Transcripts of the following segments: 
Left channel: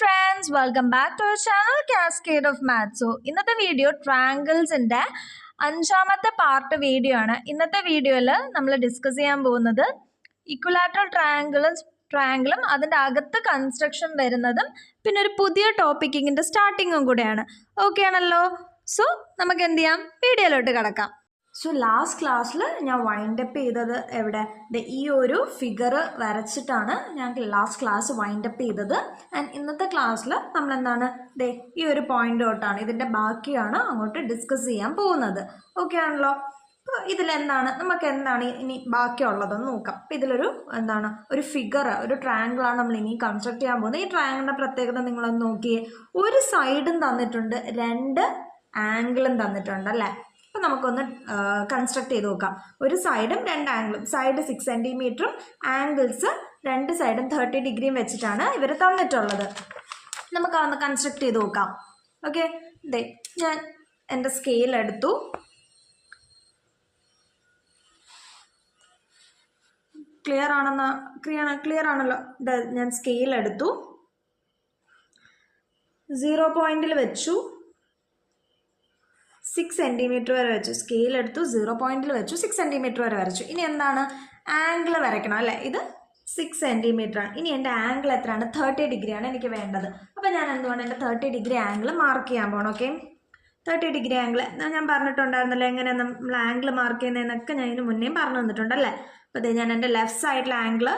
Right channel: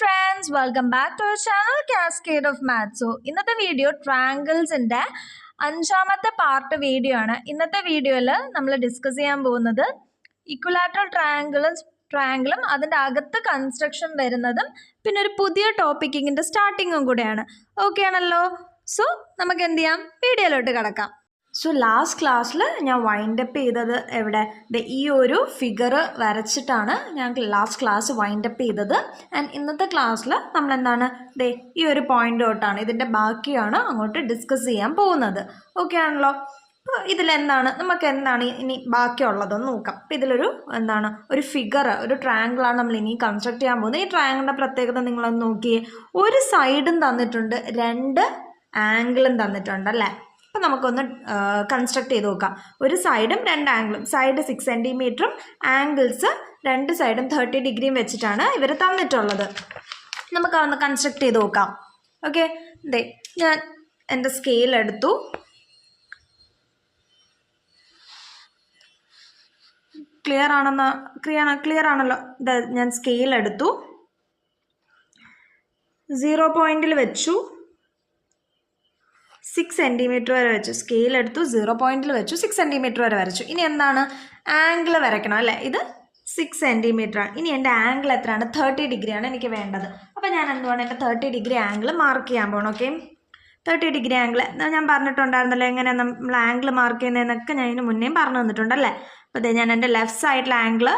friends, welcome back to our channel Cascade of Maths. So, ഇന്നത്തെ video ട്രയാങ്കിൾസിന്റെ അഞ്ചാമത്തെ part video ആണ്. ഇന്നത്തെ വീഡിയോയിൽ നമ്മൾ ഡിസ്കസ് ചെയ്യാൻ പോകുന്നത് ഇക്വലാറ്ററൽ ട്രയാങ്കിളും അതിൻ്റെ അകത്ത് കൺസ്ട്രക്ഷൻ വരുന്നതും പിന്നെ ഒരു പുതിയ ടോപ്പിക്കിൻ്റെ സ്റ്റാർട്ടിങ്ങും കൂടെയാണ്. ഓക്കെ ആണല്ലോ? സോ നമുക്ക് എന്ത് ചെയ്യാം, വീഡിയോയിലോട്ട് കിടക്കാം. സോ ലാസ്റ്റ് ക്ലാസ്സിൽ ഞാൻ വൈൻഡപ്പ് ചെയ്തത് എവിടെ, ഈ ഒരു ഫിഗർ വരച്ചിട്ടാണ് ഞാൻ ലാസ്റ്റ് ക്ലാസ് വൈൻഡപ്പ് ചെയ്തത്. ആൻഡ് ഇന്നത്തെ ക്ലാസ്സിൽ നമ്മൾ എന്താണ് ഈ ഒരു പോയിന്റ് തൊട്ടാണ് ഇതിൻ്റെ ബാക്കിയാണ് അങ്ങോട്ട് ഡിസ്കസ് ചെയ്യാൻ പോകുന്നത്. ഓക്കെ ആണല്ലോ? അപ്പോൾ ഇതിലെന്താണ് നമുക്ക് എന്താണ് ഇനി ബാക്കിയുള്ളതെന്ന് നോക്കാം. അപ്പോൾ ഇതിലൊരു എന്താണ് ഒരു ഫിഗർ, ഒരു ട്രയാങ്കിളാണ് നമ്മൾ ഇനി കൺസ്ട്രക്ട് ചെയ്യാൻ പോകുന്നത്. ഈ ട്രയാങ്കിളിൻ്റെ പ്രത്യേകത നിങ്ങളൊന്ന് നോക്കിയേ. ഒരു സൈഡും തന്നിട്ടുണ്ട്, രണ്ട് ആംഗിളും തന്നിട്ടുണ്ട് അല്ലേ. അപ്പോൾ നമുക്കൊന്ന് കൺസ്ട്രക്ട് ചെയ്ത് നോക്കാം. ഒരു സൈഡും രണ്ട് ആംഗിളും, സൈഡ് 6 സെൻറ്റിമീറ്ററും ആംഗിൾസ് രണ്ട് സൈഡും 30 ഡിഗ്രിയും വെച്ചിട്ടാണ് ഇവർ തന്നിട്ടുള്ളത്. നമുക്ക് അതൊന്ന് കൺസ്ട്രക്ട് ചെയ്ത് നോക്കാം. ഓക്കെ, ഞാൻ എൻ്റെ സ്കെയിൽ എടുത്തു. ക്ലിയർ ആണല്ലോ. ഞാൻ സ്കെയിൽ എടുത്തു, 0 പോയിന്റിൽ വെച്ചു, 6 സെൻറ്റിമീറ്റർ വരെ വെച്ചു. സ്കെയിൽ എടുത്തു, 0 പോയിന്റിൽ വെച്ചു, 6 സെൻറ്റിമീറ്റർ വരെ വരച്ചു. ഇനി എന്താണ്, ആംഗിൾ വരയ്ക്കണം അല്ലേ. ഇത് 6 സെൻറ്റിമീറ്റർ ആണ്. ഇനി എൻ്റെ ആംഗിൾ എത്രയാണ്, 30 ഡിഗ്രിയാണ് എനിക്ക് വേണ്ടത്. അപ്പോൾ ഞാൻ എന്തുകൊണ്ട് എൻ്റെ 30 ഡിഗ്രി ആംഗിൾ മാർക്ക് ചെയ്യാൻ പോകണം. ഓക്കെ, 30 ഡിഗ്രി ആംഗിൾ ഞാൻ പറഞ്ഞിട്ടുണ്ടായിരുന്നല്ലോ എങ്ങനെ നമ്മൾ ആംഗിൾ മാർക്ക് ചെയ്യുന്നതെന്നൊക്കെ ഞാൻ ഇതിന് മുന്നേ പറഞ്ഞു തന്നിട്ടുണ്ടല്ലേ. അപ്പോൾ ഞാൻ എൻ്റെ ലെഫ്റ്റ് സൈഡിലെ ആംഗിൾ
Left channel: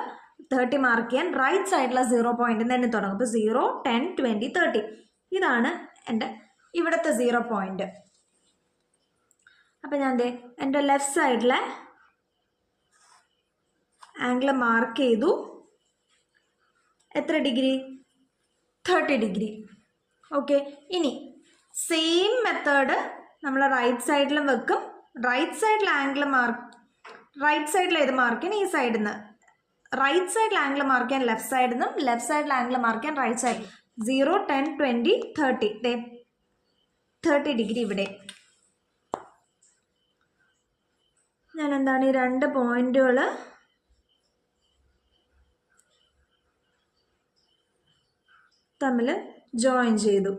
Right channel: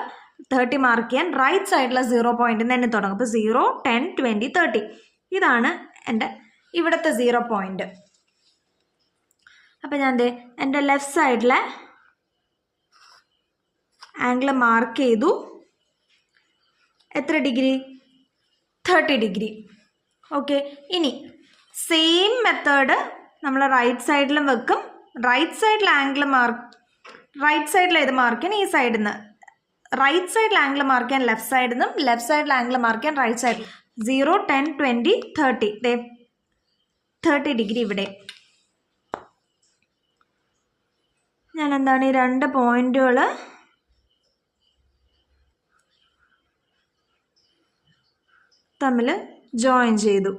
30 മാർക്ക് ചെയ്യാൻ റൈറ്റ് സൈഡിലെ 0 പോയിന്റിൽ നിന്ന് തന്നെ തുടങ്ങും. അപ്പോൾ 0, 10, 20, 30 ഇതാണ് എൻ്റെ ഇവിടുത്തെ 0 പോയിന്റ്. അപ്പം ഞാൻ എൻ്റെ ലെഫ്റ്റ് സൈഡിലെ ആംഗിൾ മാർക്ക് ചെയ്തു. എത്ര ഡിഗ്രി, 30 ഡിഗ്രി. ഓക്കെ, ഇനി സെയിം മെത്തേഡ് നമ്മൾ റൈറ്റ് സൈഡിലും വെക്കും. റൈറ്റ് സൈഡിൽ ആംഗിൾ റൈറ്റ് സൈഡിൽ ഏത് മാർക്ക് ചെയ്യാൻ, ഈ സൈഡിൽ നിന്ന്. റൈറ്റ് സൈഡിൽ ആംഗിൾ മാർക്ക് ചെയ്യാൻ ലെഫ്റ്റ് സൈഡിൽ നിന്നും, ലെഫ്റ്റ് സൈഡിൽ ആംഗിൾ മാർക്ക് ചെയ്യാൻ റൈറ്റ് സൈഡിൽ. 0, 10, 20, 30 30 ഡിഗ്രി ഇവിടെ. ഞാൻ എന്താണ് ഈ രണ്ട് പോയിന്റുകൾ തമ്മിൽ ജോയിൻ ചെയ്തു.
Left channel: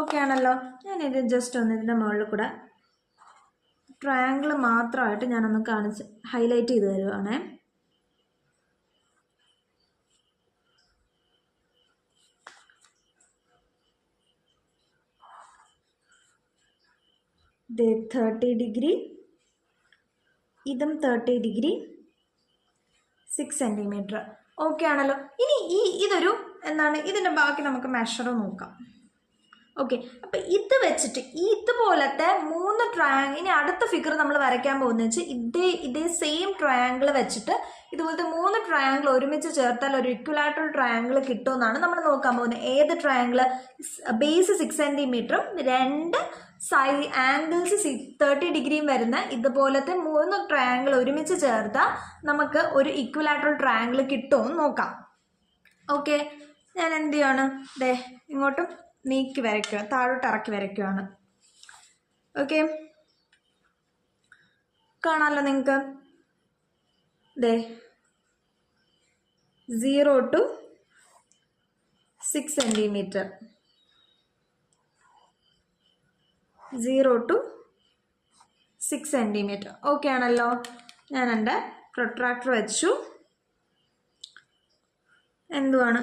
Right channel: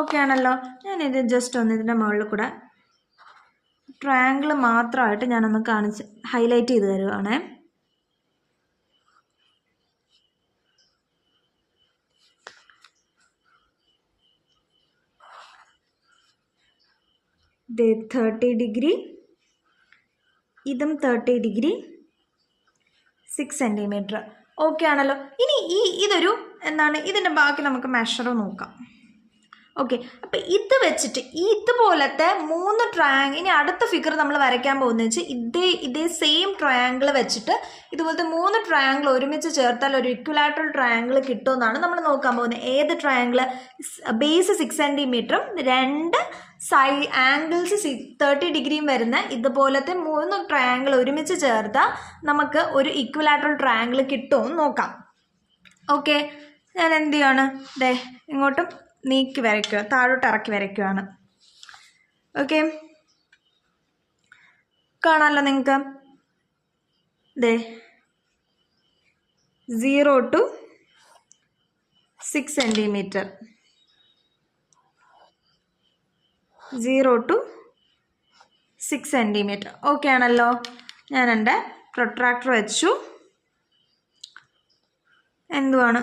ഓക്കെ ആണല്ലോ? ഞാനിത് ജസ്റ്റ് ഒന്ന് ഇതിൻ്റെ മുകളിൽ കൂടെ ട്രയാങ്കിൾ മാത്രമായിട്ട് ഞാനൊന്ന് കാണിച്ച് ഹൈലൈറ്റ് ചെയ്ത് തരുവാണേ. ഇത് 30 ഡിഗ്രി, ഇതും 30 ഡിഗ്രി, 6 സെൻറ്റിമീറ്റർ. ഓക്കെ ആണല്ലോ? ഇനി ഇതൊരു എന്താണ് ഇതിൻ്റെ ബാക്കി നമുക്ക് മെഷർ നോക്കാം. ഓക്കെ, അപ്പം ഇത് വെച്ചിട്ട് ഇതുപോലത്തെ 3 ട്രയാങ്കിൾ, ഇനി അടുത്ത ഫിഗർ നമ്മൾ വരയ്ക്കാൻ പോകുന്നത് വെച്ചാൽ ഇതേ സെയിം ട്രയാങ്കിൾ വെച്ചിട്ട് ഇതുപോലത്തെ 3 ട്രയാങ്കിൾ ഒരുമിച്ച് ചേർത്താൽ ഒരു ഇക്വലാറ്ററൽ ട്രയാങ്കിൾ കിട്ടുമെന്നാണ് നമ്മൾ നോക്കാൻ പോകുന്നത്. ഏത് ട്രയാങ്കിൾ, ബേസ് 6 സെൻറ്റിമീറ്ററും രണ്ട് ആംഗിൾസ് 30 ഡിഗ്രിയും വരുന്ന ഇതുപോലത്തെ 3 ട്രയാങ്കിൾ ഒരുമിച്ച് ചേർത്താൽ നമുക്ക് ഒരു ഇക്വലാറ്ററൽ ട്രയാങ്കിൾ കിട്ടുമെന്ന് നോക്കാം. ഓക്കെ, ഞാൻ എന്ത് ചെയ്യാണ്, ഇങ്ങോട്ടും നീക്കി വരയ്ക്കുക, താഴോട്ട് ഇറക്കി വരയ്ക്കുകയാണ്. ഓക്കെ, കാണാമല്ലോ നിങ്ങൾക്ക്. 0 to 6 centimetre, 0 to 6 centimetre. Okay ആണല്ലോ? ഞാൻ എൻ്റെ പ്രൊട്രാക്ടർ വെച്ചു. എന്തുവാണ്,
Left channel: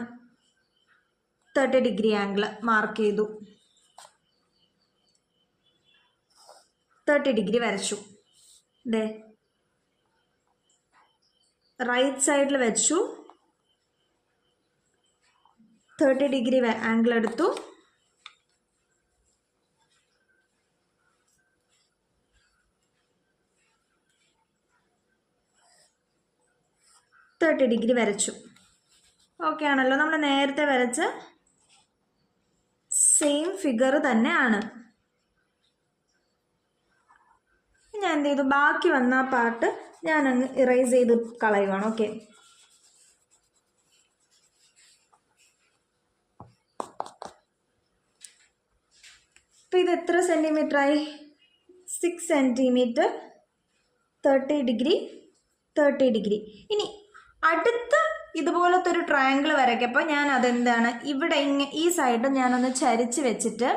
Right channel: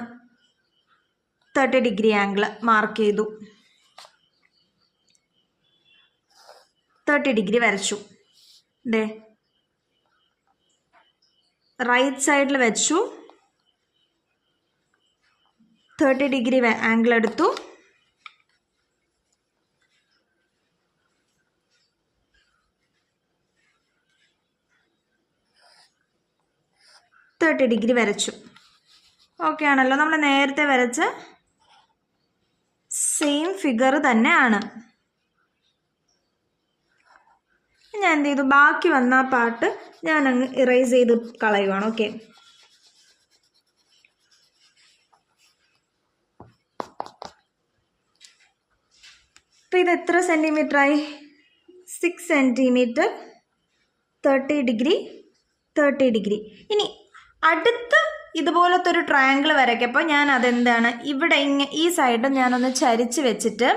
30 ഡിഗ്രി ആംഗിൾ മാർക്ക് ചെയ്തു, 30 ഡിഗ്രി വരച്ചു. റൈറ്റ് സൈഡിൽ വെച്ചു, 30 ഡിഗ്രി ആംഗിൾ എടുത്തു. ഡിഗ്രി വരച്ചു. ഓക്കെ ആണല്ലോ? നമ്മൾ നേരത്തെ വരച്ച സെയിം ഫിഗർ തന്നെയാണ്. ഞാൻ എന്ത് ചെയ്തു, ബാക്കി വന്ന ആ പാർട്ട് ഞാൻ അങ്ങ് ഇറേസ് ചെയ്ത് കളയുവാണ്. ഓക്കെ, അപ്പം ഇത് എത്ര സെൻറ്റിമീറ്ററായി, 6 സെൻറ്റിമീറ്റർ, 30 ഡിഗ്രി, 30 ഡിഗ്രി. ഇനി അടുത്ത ഇതുപോലത്തെ ഒരു ട്രയാങ്കിൾ വരയ്ക്കപ്പോൾ ഞാൻ അതെന്താണ് ഇവിടെ ഈ സൈഡ് ഞാനൊന്ന് ചരിച്ച് വെച്ചിട്ട്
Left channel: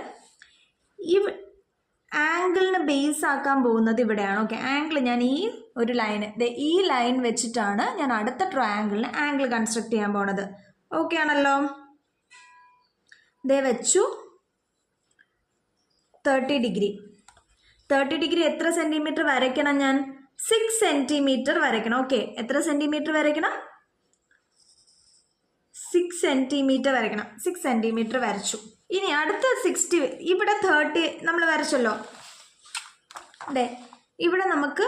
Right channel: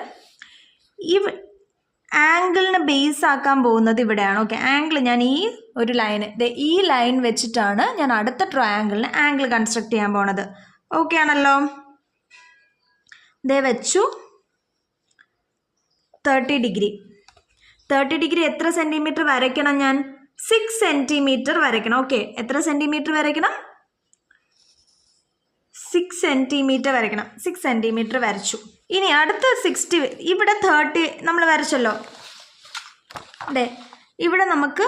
ഈ ആംഗിളിന് ബേസ് ആക്കാൻ പോകുന്നത് ഇവിടെയാണ്. ഓക്കെ, ആംഗിൾ ഞാൻ ഈ ഒരു ലൈന് ഈ ലൈൻ വെച്ചിട്ടാണ് ഞാൻ അടുത്ത ട്രയാങ്കിളിന് ആംഗിൾ കൺസ്ട്രക്ട് ചെയ്യാൻ പോണത്. ഓക്കെ ആണല്ലോ. ദേ വെച്ചു 30 ഡിഗ്രി. 30 ഡിഗ്രി എത്ര സെൻറ്റിമീറ്റർ വരയ്ക്കണം? ഞാൻ 6 സെൻറ്റിമീറ്റർ വരയ്ക്കണം. ഓക്കെ, എത്ര സെൻറ്റിമീറ്റർ വരയ്ക്കണം? 6 സെൻറ്റിമീറ്റർ വരയ്ക്കണം. 6 സെൻറ്റിമീറ്റർ വരച്ചു. ഇനി അടുത്ത 60, ഇവിടെ 30 നമ്മൾ വരച്ചല്ലോ. അതെ, ഇവിടെ നമുക്ക്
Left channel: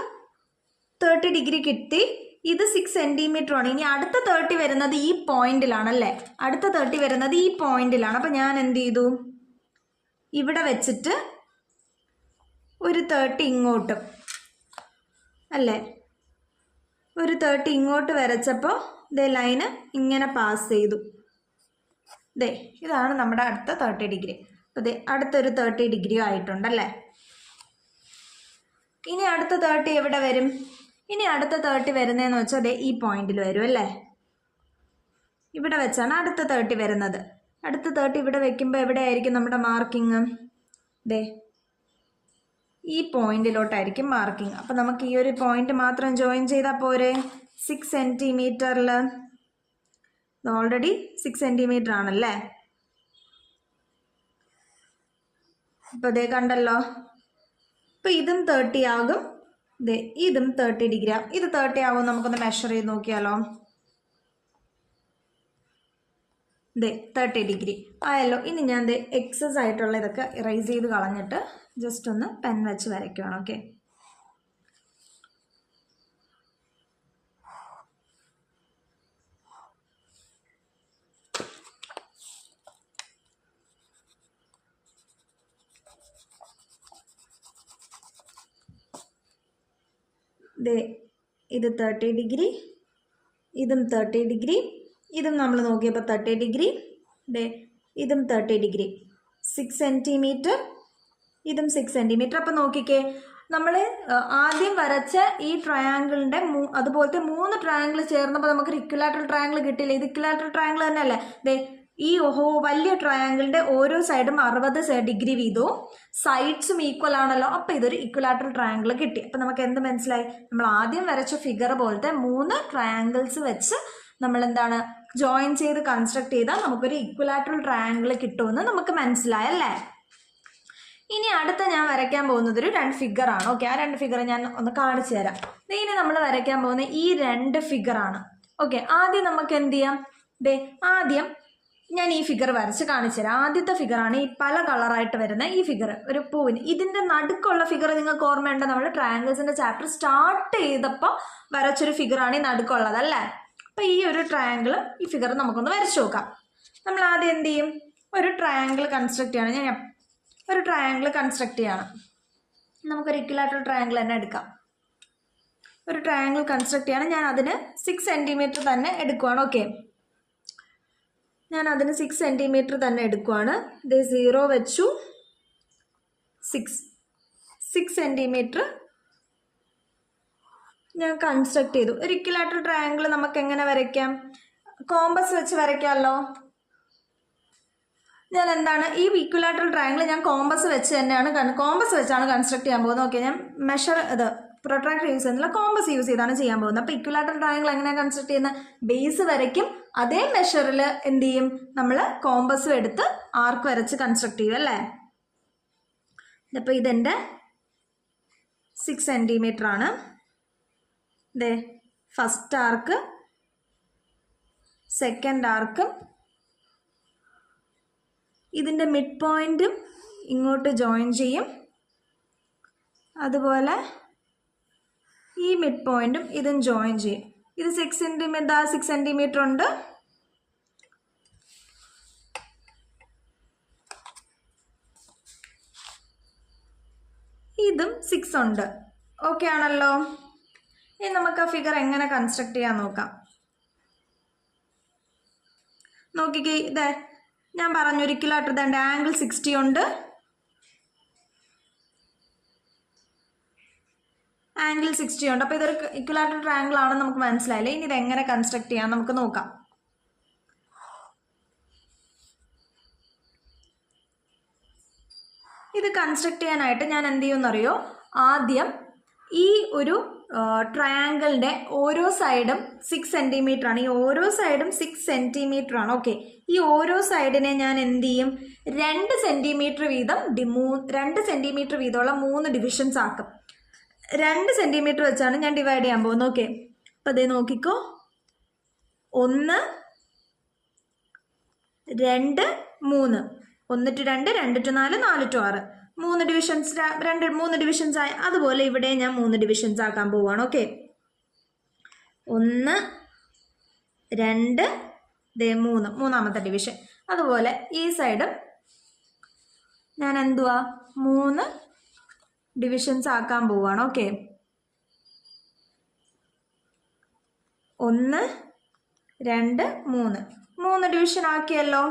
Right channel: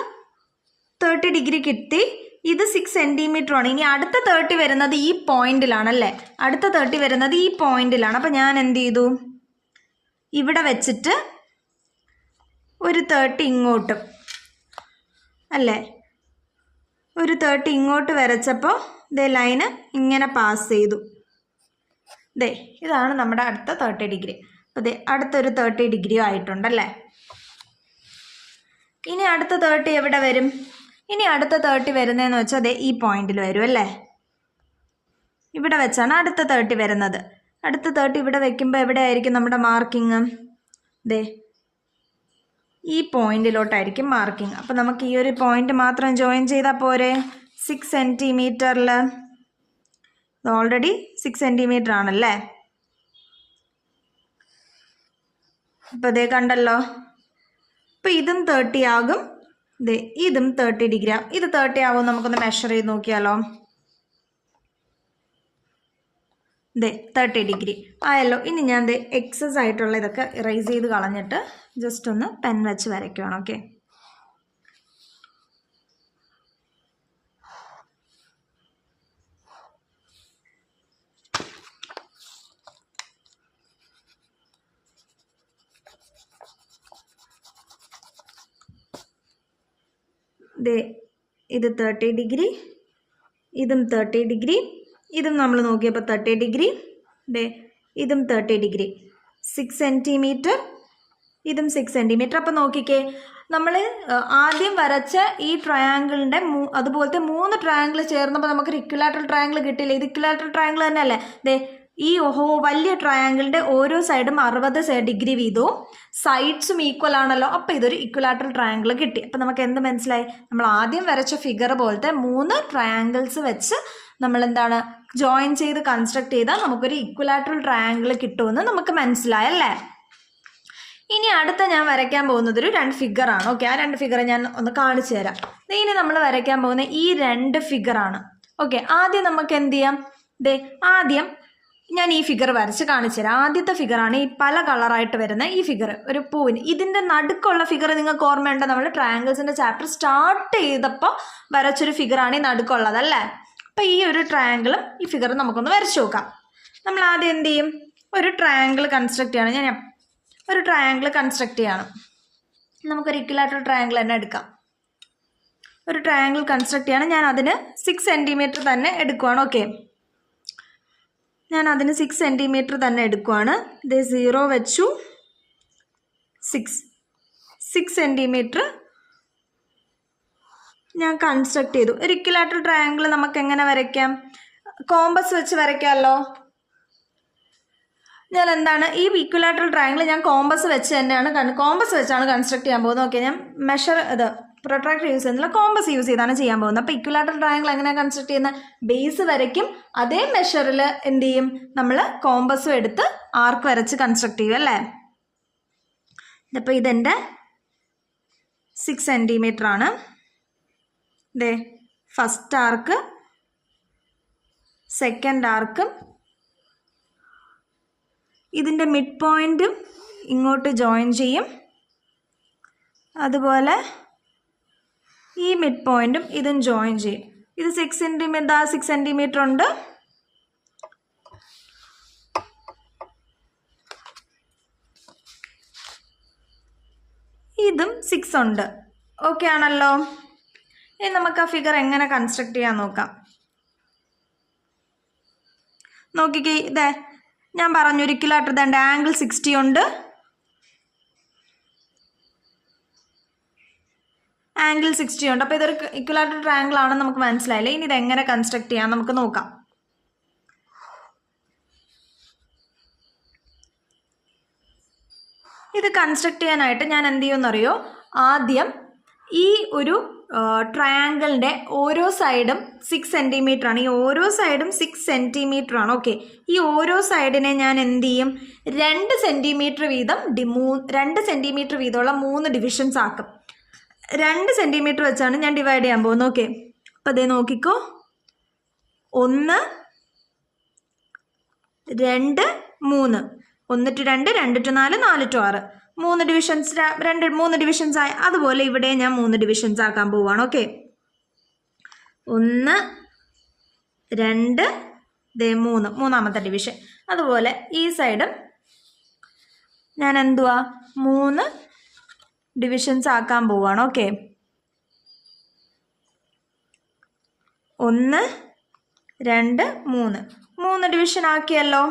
30 ഡിഗ്രി കിട്ടി. ഇത് 6 സെൻറ്റിമീറ്റർ ആണ്. ഇനി അടുത്ത 30 വരുന്നത് ഈ പോയിന്റിലാണല്ലേ? അടുത്ത 30 വരുന്നത് ഈ പോയിന്റിലാണ്. അപ്പം ഞാൻ എന്ത് ചെയ്തു? ഇവിടെ വെച്ചിട്ട് ഒരു 30 ഇങ്ങോട്ടും അല്ലേ, ഒരു 30 ഇങ്ങോട്ട് വരച്ചപ്പോൾ ദേ ലൈന് ഇങ്ങനെ പാസ് ചെയ്തു. ദേ ഇതാണ് നമ്മുടെ അടുത്ത 30 ഡിഗ്രി. അപ്പോൾ ദേ അടുത്തൊരു 30 ഡിഗ്രിയും ആയിട്ടുണ്ടല്ലേ. ഇനി അടുത്ത 30 എവിടെ വരും? ഇനി അടുത്ത 30 വരുന്നതെന്ന് വെച്ചാൽ ദേ ഈ പോയിന്റിൽ വരും അല്ലേ? ഇവിടെ വെച്ചാണ് അടുത്ത 30 വരുന്നത്. അടുത്ത 30 ഇവിടെ വെക്കുമ്പോൾ എവിടെയായിരിക്കും നമ്മുടെ മാർക്കിങ്? ദേ ഈ പോയിന്റിലോട്ടായിരിക്കും മാർക്കിങ്. അപ്പോൾ നമുക്ക് ഈ ഒരു പോയിന്റ് മാത്രം ജോയിൻ ചെയ്താൽ പോരെ? 6 സെൻറ്റിമീറ്ററിൽ ഓൾറെഡി 6 സെൻറ്റിമീറ്റർ ആണല്ലേ. അപ്പോൾ ഇതേ കണ്ടല്ലോ. അപ്പോൾ ഇതും 30 ആകും, ദേ ഇതും 30 ഡിഗ്രി ആകും. ഇത് 30 ആകും. നമുക്കൊന്ന് മെഷർ ചെയ്ത് നോക്കിയാലോ. ദേ 30 ഡിഗ്രി ആയല്ലോ. ഇനി ഞാൻ ദേ എക്സസ് ആയിട്ടുള്ള ഇതൊക്കെ ഇറേസ് ചെയ്ത് കളഞ്ഞിട്ട് ജസ്റ്റ് ഒന്ന് പെൻ വെച്ച് വരയ്ക്കുകയാണ്. ഓക്കെ, ദേ ഇത് 30 ഡിഗ്രി, ഇതും 30 ഡിഗ്രി, ഇതും നമ്മൾ നോക്കിയപ്പോൾ 30 ഡിഗ്രി, ദേ ഇതും 30 ഡിഗ്രി. 6 സെൻറ്റിമീറ്റർ, ഇതും 6 സെൻറ്റിമീറ്റർ. അപ്പോൾ നോക്കിക്കേ, നമ്മൾ ആദ്യം വരച്ച ഈ ട്രയാങ്കിളിൻ്റെ അതുപോലത്തെ 3 ട്രയാങ്കിൾ ചേർന്നപ്പോൾ നമുക്കൊരു ഇക്വിലാറ്ററൽ ട്രയാങ്കിൾ കിട്ടിയില്ലേ? ഇത് ഇക്വിലാറ്ററൽ ട്രയാങ്കിൾ തന്നെയല്ലേ? ദേ ഈ വലിയ ട്രയാങ്കിളിൻ്റെ ഓരോ സൈഡും 60 ഡിഗ്രി വീതവും സൈഡ്സും ഈക്വൽ ആണല്ലോ. അപ്പോൾ ഇതൊരു ഇക്വിലാറ്ററൽ ട്രയാങ്കിൾ കിട്ടി. അപ്പോൾ നമുക്ക് എന്ത് മനസ്സിലായി? നമ്മൾ ആദ്യം വരച്ച ഫിഗർ പോലത്തെ 3 ട്രയാങ്കിൾസ് വെച്ച് നമ്മൾ എന്താണ് ജോയിൻ ചെയ്ത് കൺസ്ട്രക്ട് ചെയ്താൽ നമുക്കൊരു ഇക്വിലാറ്ററൽ ട്രയാങ്കിൾ കിട്ടുമെന്ന് നമുക്ക് മനസ്സിലായല്ലേ? ഇനി അടുത്ത ഞാൻ വരയ്ക്കാൻ പോകുന്നത് ഒരു 2 ഫിഗറാണ്. ഓക്കെ, ആ 2 ഫിഗർ ഞാൻ ഒന്ന് കാണിച്ചു തരാം. ഇനി നമ്മൾ വരയ്ക്കാൻ പോകുന്ന ഈ 2 ഫിഗറാണ്. ഓക്കെ, ആദ്യം നമുക്ക് എന്ത് ചെയ്യാം? ദേ ആദ്യം ഞാൻ ഈ ഫിഗർ വരച്ച് കാണിച്ചു തരാം. ആദ്യത്തെ ഫിഗറാണ് ഈ പല കളറായിട്ട് വരുന്ന ഈ ഫിഗർ, ഒരു പൂവിന്. ഇതിൻ്റെ നടുക്കുള്ള ഫിഗർ നിങ്ങൾക്ക് ഓർമ്മയുണ്ടോ? നമ്മൾ ട്രയാങ്കിൾസിൻ്റെ ചാപ്റ്റർ സ്റ്റാർട്ട് ചെയ്തപ്പോൾ വരച്ചൊരു ഫിഗറാണ് ഈ നടുക്കുള്ളത് അല്ലേ? അപ്പോൾ ഈ ഒരു ട്രയാങ്കിളും ഈ ഫിഗറും നമുക്കൊന്ന് വരച്ചു നോക്കാം. നമ്മൾ ആദ്യം എന്ത് ചെയ്യും? ഒരു ട്രയാങ്കിൾ കൺസ്ട്രക്ട് ചെയ്യണം. ഞാൻ ഒരു ട്രയാങ്കിൾ കൺസ്ട്രക്ട് ചെയ്യണം. നമുക്കൊരു ഇക്വിലാറ്ററൽ ട്രയാങ്കിൾ തന്നെ എടുക്കാം. ഒരു ട്രയാങ്കിൾ കൺസ്ട്രക്ട് ചെയ്യണം. ഞാൻ അതിന് 6 സെൻറ്റിമീറ്റർ തന്നെ എടുക്കുവാണ്. ഓക്കെ, ഞാൻ അതിന് 6 സെൻറ്റിമീറ്റർ തന്നെ എടുക്കുവാണ്. ഇത് 0 വെച്ചു, 6 സെൻറ്റിമീറ്റർ ഞാൻ കൺസ്ട്രക്ട് ചെയ്തു. ഒരു ഇക്വിലാറ്ററൽ ട്രയാങ്കിൾ നമുക്ക് എങ്ങനെ വരയ്ക്കാം? കോമ്പസ് വെച്ച് വരയ്ക്കാമല്ലോ. ഞാൻ എന്താണ് ഈ ഇക്വിലാറ്ററൽ ട്രയാങ്കിൾ ഞാൻ കോമ്പസ് വെച്ചാണ് കൺസ്ട്രക്ട് ചെയ്യാൻ പോകുന്നത്. ഓക്കെ, ഞാൻ പ്രൊട്രാക്ടർ യൂസ് ചെയ്യുന്നില്ല, കോമ്പസ് യൂസ് ചെയ്താണ് ചെയ്യാൻ പോകുന്നത്. അപ്പോൾ ഇക്വിലാറ്ററൽ ട്രയാങ്കിൾ എങ്ങനെയാണ് കൺസ്ട്രക്ട് ചെയ്യുന്നത്? ബേസ് വരയ്ക്കും, അതേ മെഷറിൽ എന്ത് ചെയ്യും? നമ്മൾ കോമ്പസും എടുത്ത് ആർക്ക് വരച്ച് കൺസ്ട്രക്ട് ചെയ്യും അല്ലേ? അപ്പോൾ ഇതെൻ്റെ 6 സെൻറ്റിമീറ്റർ ആണ്. ദേ ഫസ്റ്റ് ആർക്ക്, സെക്കൻഡ് ആർക്ക്, ഇതിൻ്റെ മിഡ് പോയിൻറ്റും ഇങ്ങോട്ട് ജോയിൻ ചെയ്യും. അതുപോലെ ഈ മിഡ് പോയിൻറ്റും ഇതും ജോയിൻ ചെയ്യും. ഇത് 6 സെൻറ്റിമീറ്റർ ഉണ്ട്. ഇതും 6 ഉണ്ട്. ഓക്കെ ആണല്ലോ. ഇനി നമുക്ക് ആ ഫിഗർ എങ്ങനെ കൺസ്ട്രക്ട് ചെയ്യാൻ നോക്കാം. നോക്കിക്കേ, ഇതേ ഞാൻ പറഞ്ഞു ഒരു ഇക്വിലാറ്ററൽ ദാണ്ട് ആംഗിൾ 60 ഉണ്ട്, ആംഗിൾ 60 ഉണ്ട്. അപ്പോൾ ഇതൊരു ഇക്വിലാറ്ററൽ ട്രയാങ്കിൾ ആണെന്ന് നമുക്ക് മനസ്സിലായില്ലേ? ഇനി ഇതെങ്ങനെ കൺസ്ട്രക്ട് ചെയ്യാം നമുക്ക് നോക്കാം. ഇത് കൺസ്ട്രക്ട് ചെയ്യാനായിട്ട് ഞാൻ എന്ത് ചെയ്യുമെന്നറിയോ, ആദ്യം ഈ ഒരു ട്രയാങ്കിളിൻ്റെ ഓരോ സൈഡും 6 സെൻറ്റിമീറ്റർ ആണ്. ഈ ഓരോ സൈഡും 6 സെൻറ്റിമീറ്റർ ആണ്. ഓക്കെ, ഈ ഓരോ സൈഡിനെ ഞാൻ എന്ത് ചെയ്യും, 2 സെൻറ്റിമീറ്റർ വീതം 2 സെൻറ്റിമീറ്റർ വീതമുള്ള 3 ഡിവിഷൻസ് ആക്കും. 2 സെൻറ്റിമീറ്റർ വെച്ചാണ് ഞാൻ ഡിവൈഡ് ചെയ്യാൻ പോകുന്നത്. ഓക്കെ, അപ്പോൾ അതേ നോക്കിക്കോ, 1 2 3, 1 to 2, 2 to 4, 4 to 6, 3 divisions, 3 divisions ആയി. അതുപോലെ ഇവിടെ ഞാൻ 3 ഡിവിഷൻസ് ആക്കാൻ പോവുകയാണ്. ഓക്കെ, 1 2 3, മൂന്നാമത്തെ ഡിവിഷൻ. അതുപോലെ ഈ സൈഡും ഞാൻ എന്തുവാ 3 ഡിവിഷൻസ് ആക്കാൻ പോവുകയാണ്. ഓക്കെ, 1 2 3, 3 ഡിവിഷൻ ആക്കിയല്ലോ.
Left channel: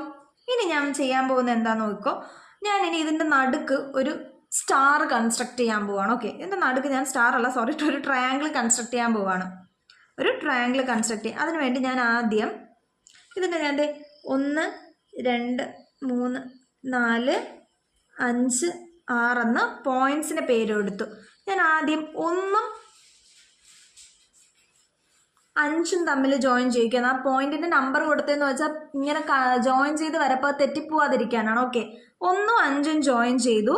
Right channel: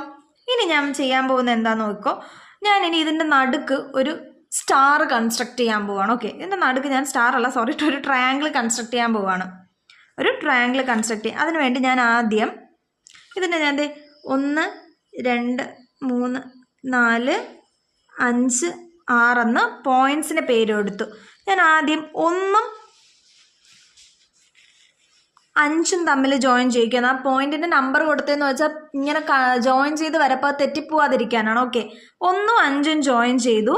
ഇനി ഞാൻ ചെയ്യാൻ പോകുന്നത് എന്താണെന്ന് നോക്കോ, ഞാനിനി ഇതിൻ്റെ നടുക്ക് ഒരു സ്റ്റാർ കൺസ്ട്രക്ട് ചെയ്യാൻ പോവുകയാണ്. ഓക്കെ, ഇതിൻ്റെ നടുക്ക് ഞാൻ സ്റ്റാർ അല്ല, സോറി, ഒരു ട്രയാങ്കിൾ കൺസ്ട്രക്ട് ചെയ്യാൻ പോവുകയാണ്. ഒരു ട്രയാങ്കിൾ കൺസ്ട്രക്ട് ചെയ്യാം. അതിനുവേണ്ടി ഞാൻ ആദ്യം ഇതിൻ്റെ ഞാൻ 1 2 3 4 5 6 എന്ന് പോയിൻറ്റ്സിന് പേര് കൊടുത്തു. ഞാൻ ആദ്യം 1ഉം 5ഉം തമ്മിൽ ജോയിൻ ചെയ്യിക്കുന്നത്. ആ പോയിന്റിന്റെ നമ്പർ കൊടുത്തതെന്ന് വെച്ചാൽ ഇങ്ങനെ ജോയിൻ ചെയ്ത് വരപ്പോൾ തെറ്റിപ്പോവാതിരിക്കാനാണ്. ഓക്കെ, 1ഉം 5ഉം ജോയിൻ ചെയ്തു,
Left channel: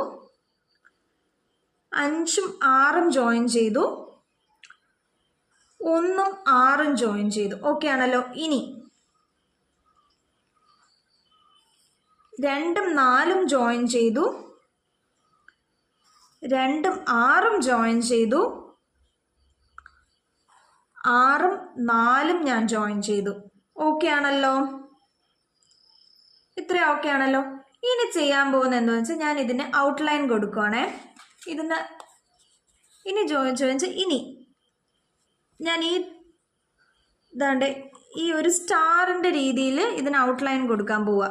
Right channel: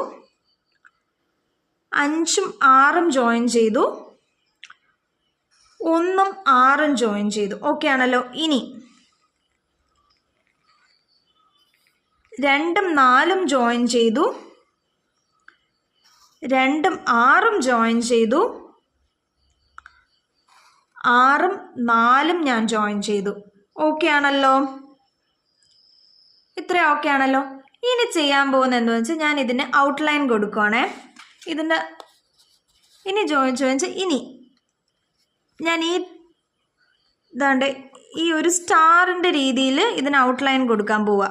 5ഉം 6ഉം ജോയിൻ ചെയ്തു, 1ഉം 6ഉം ജോയിൻ ചെയ്തു. ഓക്കെ ആണല്ലോ. ഇനി 2ഉം 4ഉം ജോയിൻ ചെയ്തു, 2ഉം 6ഉം ജോയിൻ ചെയ്തു, 6ഉം 4ഉം ഞാൻ ജോയിൻ ചെയ്തു. ഓക്കെ ആണല്ലോ, ഇത്രയും ഓക്കെ ആണല്ലോ. ഇനി ചെയ്യാൻ പോകുന്നത് എന്താണെന്ന് വെച്ചാൽ ഞാൻ ഇതിന് ഔട്ട്ലൈൻ കൊടുക്കുവാണേ. ഇതിൻ്റെ ഇനി ജോയിൻ ഇനി ഞാൻ ഇതാണ്ട് ഈ ഒരു സ്റ്റാറിൻ്റെ രീതിയിൽ ഇതിന് ഔട്ട്ലൈൻ കൊടുക്കാൻ പോവാ.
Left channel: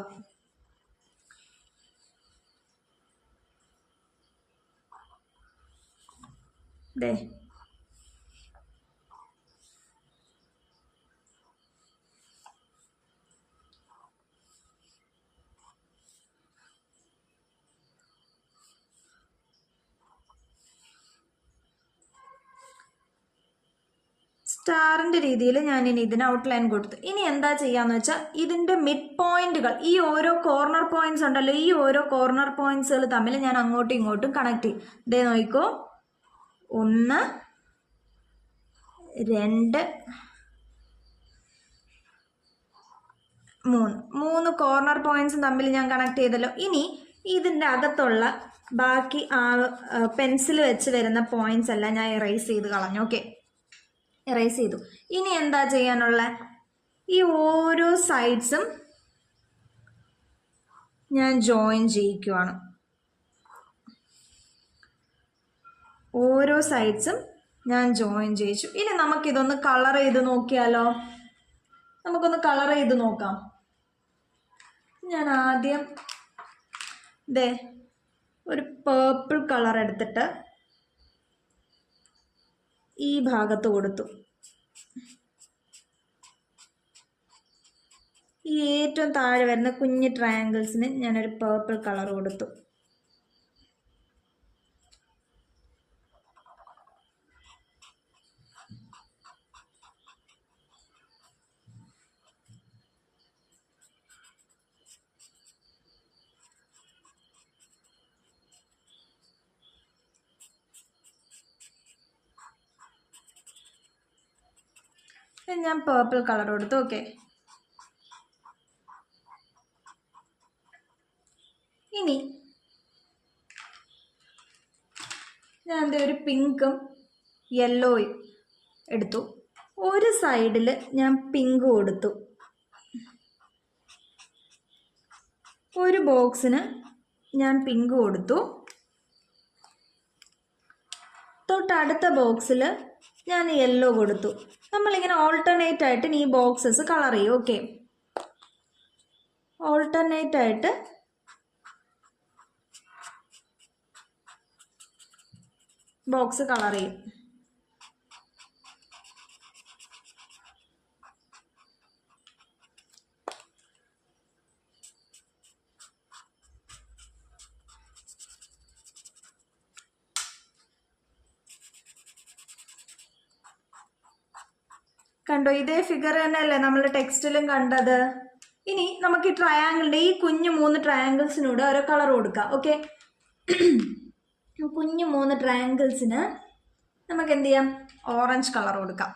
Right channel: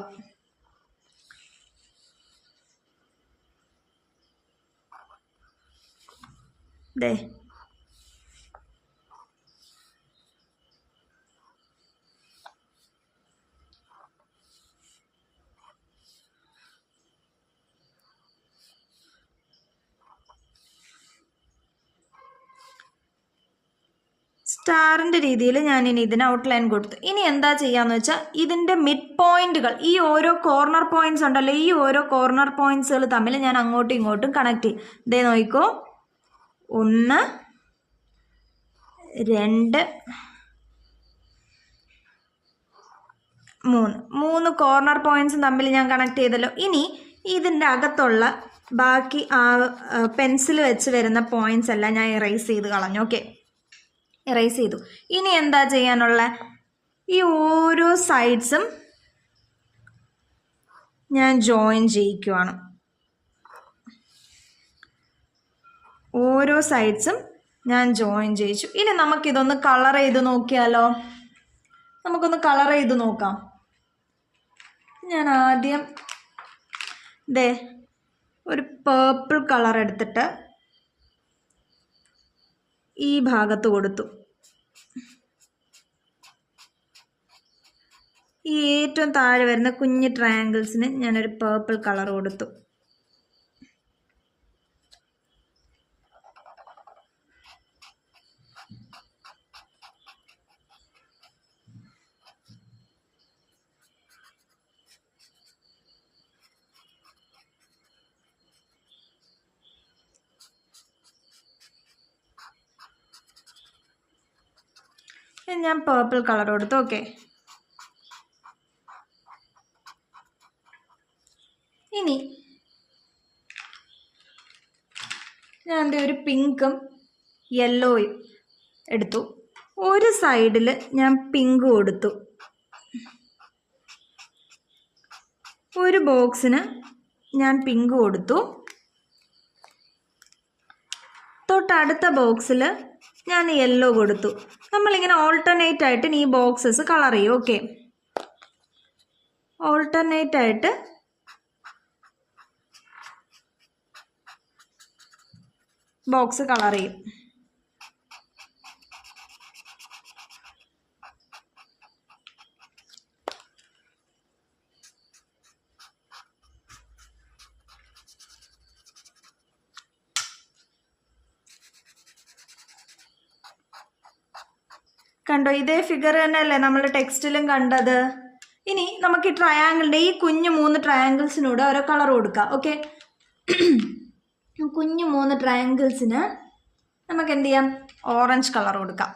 ദേ സ്റ്റാറിൻ്റെ രീതിയിൽ ഞാനിനി ഇതിന് ഔട്ട്ലൈൻ കൊടുത്തു. ഇനി എന്താ ചെയ്യാന്ന് വെച്ചാൽ ഇതിൻ്റെ മിഡ് പോയിന്റുകൾ, ഈ ഓരോ കോർണർ പോയിന്റ്സ് ഉണ്ടല്ലോ, ഈ ഓരോ കോർണർ പോയിന്റ്സുകൾ തമ്മിൽ ഞാൻ അങ്ങോട്ടും ഇങ്ങോട്ടും കണക്ട് ചെയ്യും. ഇതേ നോക്കിക്കോ, 1 2 3 കോർണർ പോയിന്റ്സും തമ്മിൽ ഞാൻ കണക്ട് ചെയ്തല്ലോ. ഇനി ഇതിൻ്റെ അകത്തുള്ള ബാക്കി ആ പെൻസിൽ വെച്ച് വരുന്ന പോയിന്റ്സ് എല്ലാം ഞാൻ എറേസ് ചെയ്ത് കളഞ്ഞു. ഓക്കെ, എറേസ് ചെയ്തു. ഇനി എന്താ ചെയ്യാനുള്ള, ഈ ഓരോ സൈഡ്സും ഞാൻ ജോയിൻ ചെയ്യിക്കുവാണ്. ഓരോ സൈഡ്സും ഞാൻ ജോയിൻ ചെയ്യിച്ചു. ഇനി നമുക്കിതൊന്ന് കളർ ചെയ്ത് നോക്കിയാലോ, നമുക്കൊന്ന് കളർ ചെയ്ത് നോക്കാം. ഞാൻ ആദ്യം ഒരു പേർപ്പിൾ കളർ എടുത്തിട്ട് ഈ ഭാഗത്ത് കൊടുത്തു. ഈ ഏറ്റവും താഴെ വരുന്ന കുഞ്ഞ് ട്രയാങ്കിൾസിന് ഞാനൊരു പേർപ്പിൾ കളർ കൊടുത്തു. ഞാൻ പേർപ്പിൾ കളർ കൊടുത്തു. ഓക്കെ, ഇനി ഞാൻ ഒരു പിങ്കും യെല്ലോയും എടുത്തു. ഒരു സൈഡിൽ ഞാൻ പിങ്ക് കൊടുത്തു, ഒരു ബോക്സിന് ഞാൻ പിങ്ക് കൊടുത്തു, തൊട്ടടുത്ത ബോക്സിൽ ഞാൻ യെല്ലോ കൊടുത്തു. നമ്മളിങ്ങനെ ഓൾട്ടർനേറ്റ് ആയിട്ട് ഈ ബോക്സസ് കളർ ചെയ്യും. ഓക്കെ, ഓൾട്ടർനേറ്റ് ആയിട്ട് ബോക്സ് കളർ ചെയ്യും. കണ്ടോ, ഇതേ ഫിഗർ തന്നെയല്ലേ നമ്മൾ ടെക്സ്റ്റിലും കണ്ടത്. ഇനി നമുക്ക് ഈ ട്രയാങ്കിളിൻ്റെ ഈ കുഞ്ഞു 3 ട്രയാങ്കിൾസിനൂടെ ഓരോ കളർ കൊടുക്കാം. ഓക്കെ, കുഞ്ഞു 3 ട്രയാങ്കിൾസിന് നമുക്ക് എന്ത് ചെയ്യാം, ഓറഞ്ച് കളർ കൊടുക്കാം.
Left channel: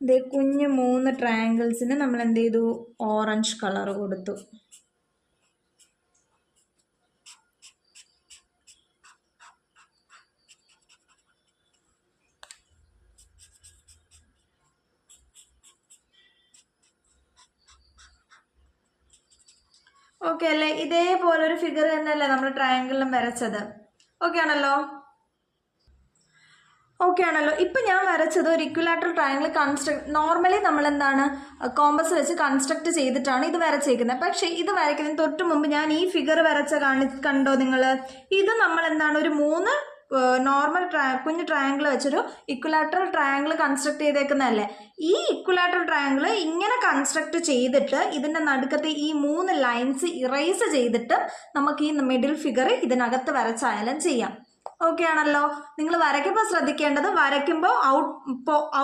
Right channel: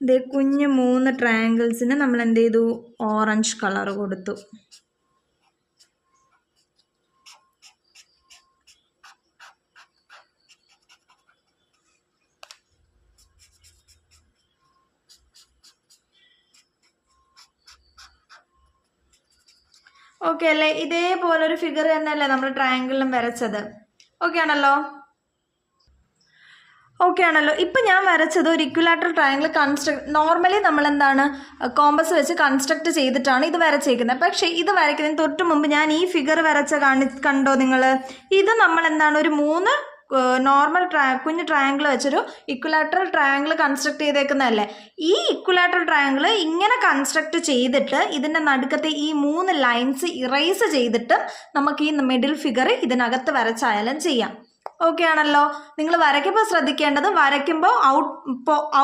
ഇതേ കുഞ്ഞു 3 ട്രയാങ്കിൾസിന് നമ്മൾ എന്ത് ചെയ്തു, ഓറഞ്ച് കളർ കൊടുത്തു. ഓക്കെ അല്ലേ, ഇതേപോലൊരു ഫിഗർ തന്നെയല്ലേ നമ്മൾ ട്രയാങ്കിളിലും വരച്ചത്. ഓക്കെ ആണല്ലോ. ഇപ്പം ഞാൻ വരച്ചത് ഒരു ഇക്വിലാറ്ററൽ ട്രയാങ്കിൾ നോർമലി നമ്മൾ എന്താണ് കോമ്പസ് വെച്ച് കൺസ്ട്രക്ട് ചെയ്തിട്ടാണ് ഇത് വരച്ചേക്കുന്നത്. പക്ഷേ ഇത് വരയ്ക്കുന്നതിന് തൊട്ട് മുമ്പ് ഞാൻ ഈ ഫിഗർ കണ്ടോ നിങ്ങൾ? ഇത് നമ്മൾ എന്താണ് ഒരു 3 നോർമൽ കുഞ്ഞ് ട്രയാങ്കിൾ വെച്ചൊരു ഇക്വിലാറ്ററൽ ട്രയാങ്കിൾ കൺസ്ട്രക്ട് ചെയ്തേക്കുന്നതല്ലേ. ഈ ഇക്വിലാറ്ററൽ ട്രയാങ്കിൾ ഇങ്ങനെ കൺസ്ട്രക്ട് ചെയ്തിട്ട് ഇതിൻ്റെ നടുക്കത്തെ ഈ 3 ലൈൻസ് ഇറേസ് ചെയ്തിട്ട് നമുക്ക് ഈ മിഡിൽ ഫിഗർ ഇതിനകത്ത് വരച്ചായാലും ചെയ്യാം. ഓക്കെ ആണല്ലോ. നിങ്ങൾ വരയ്ക്കുമ്പോൾ ശ്രദ്ധിക്കേണ്ടത്, വരയ്ക്കുമ്പോൾ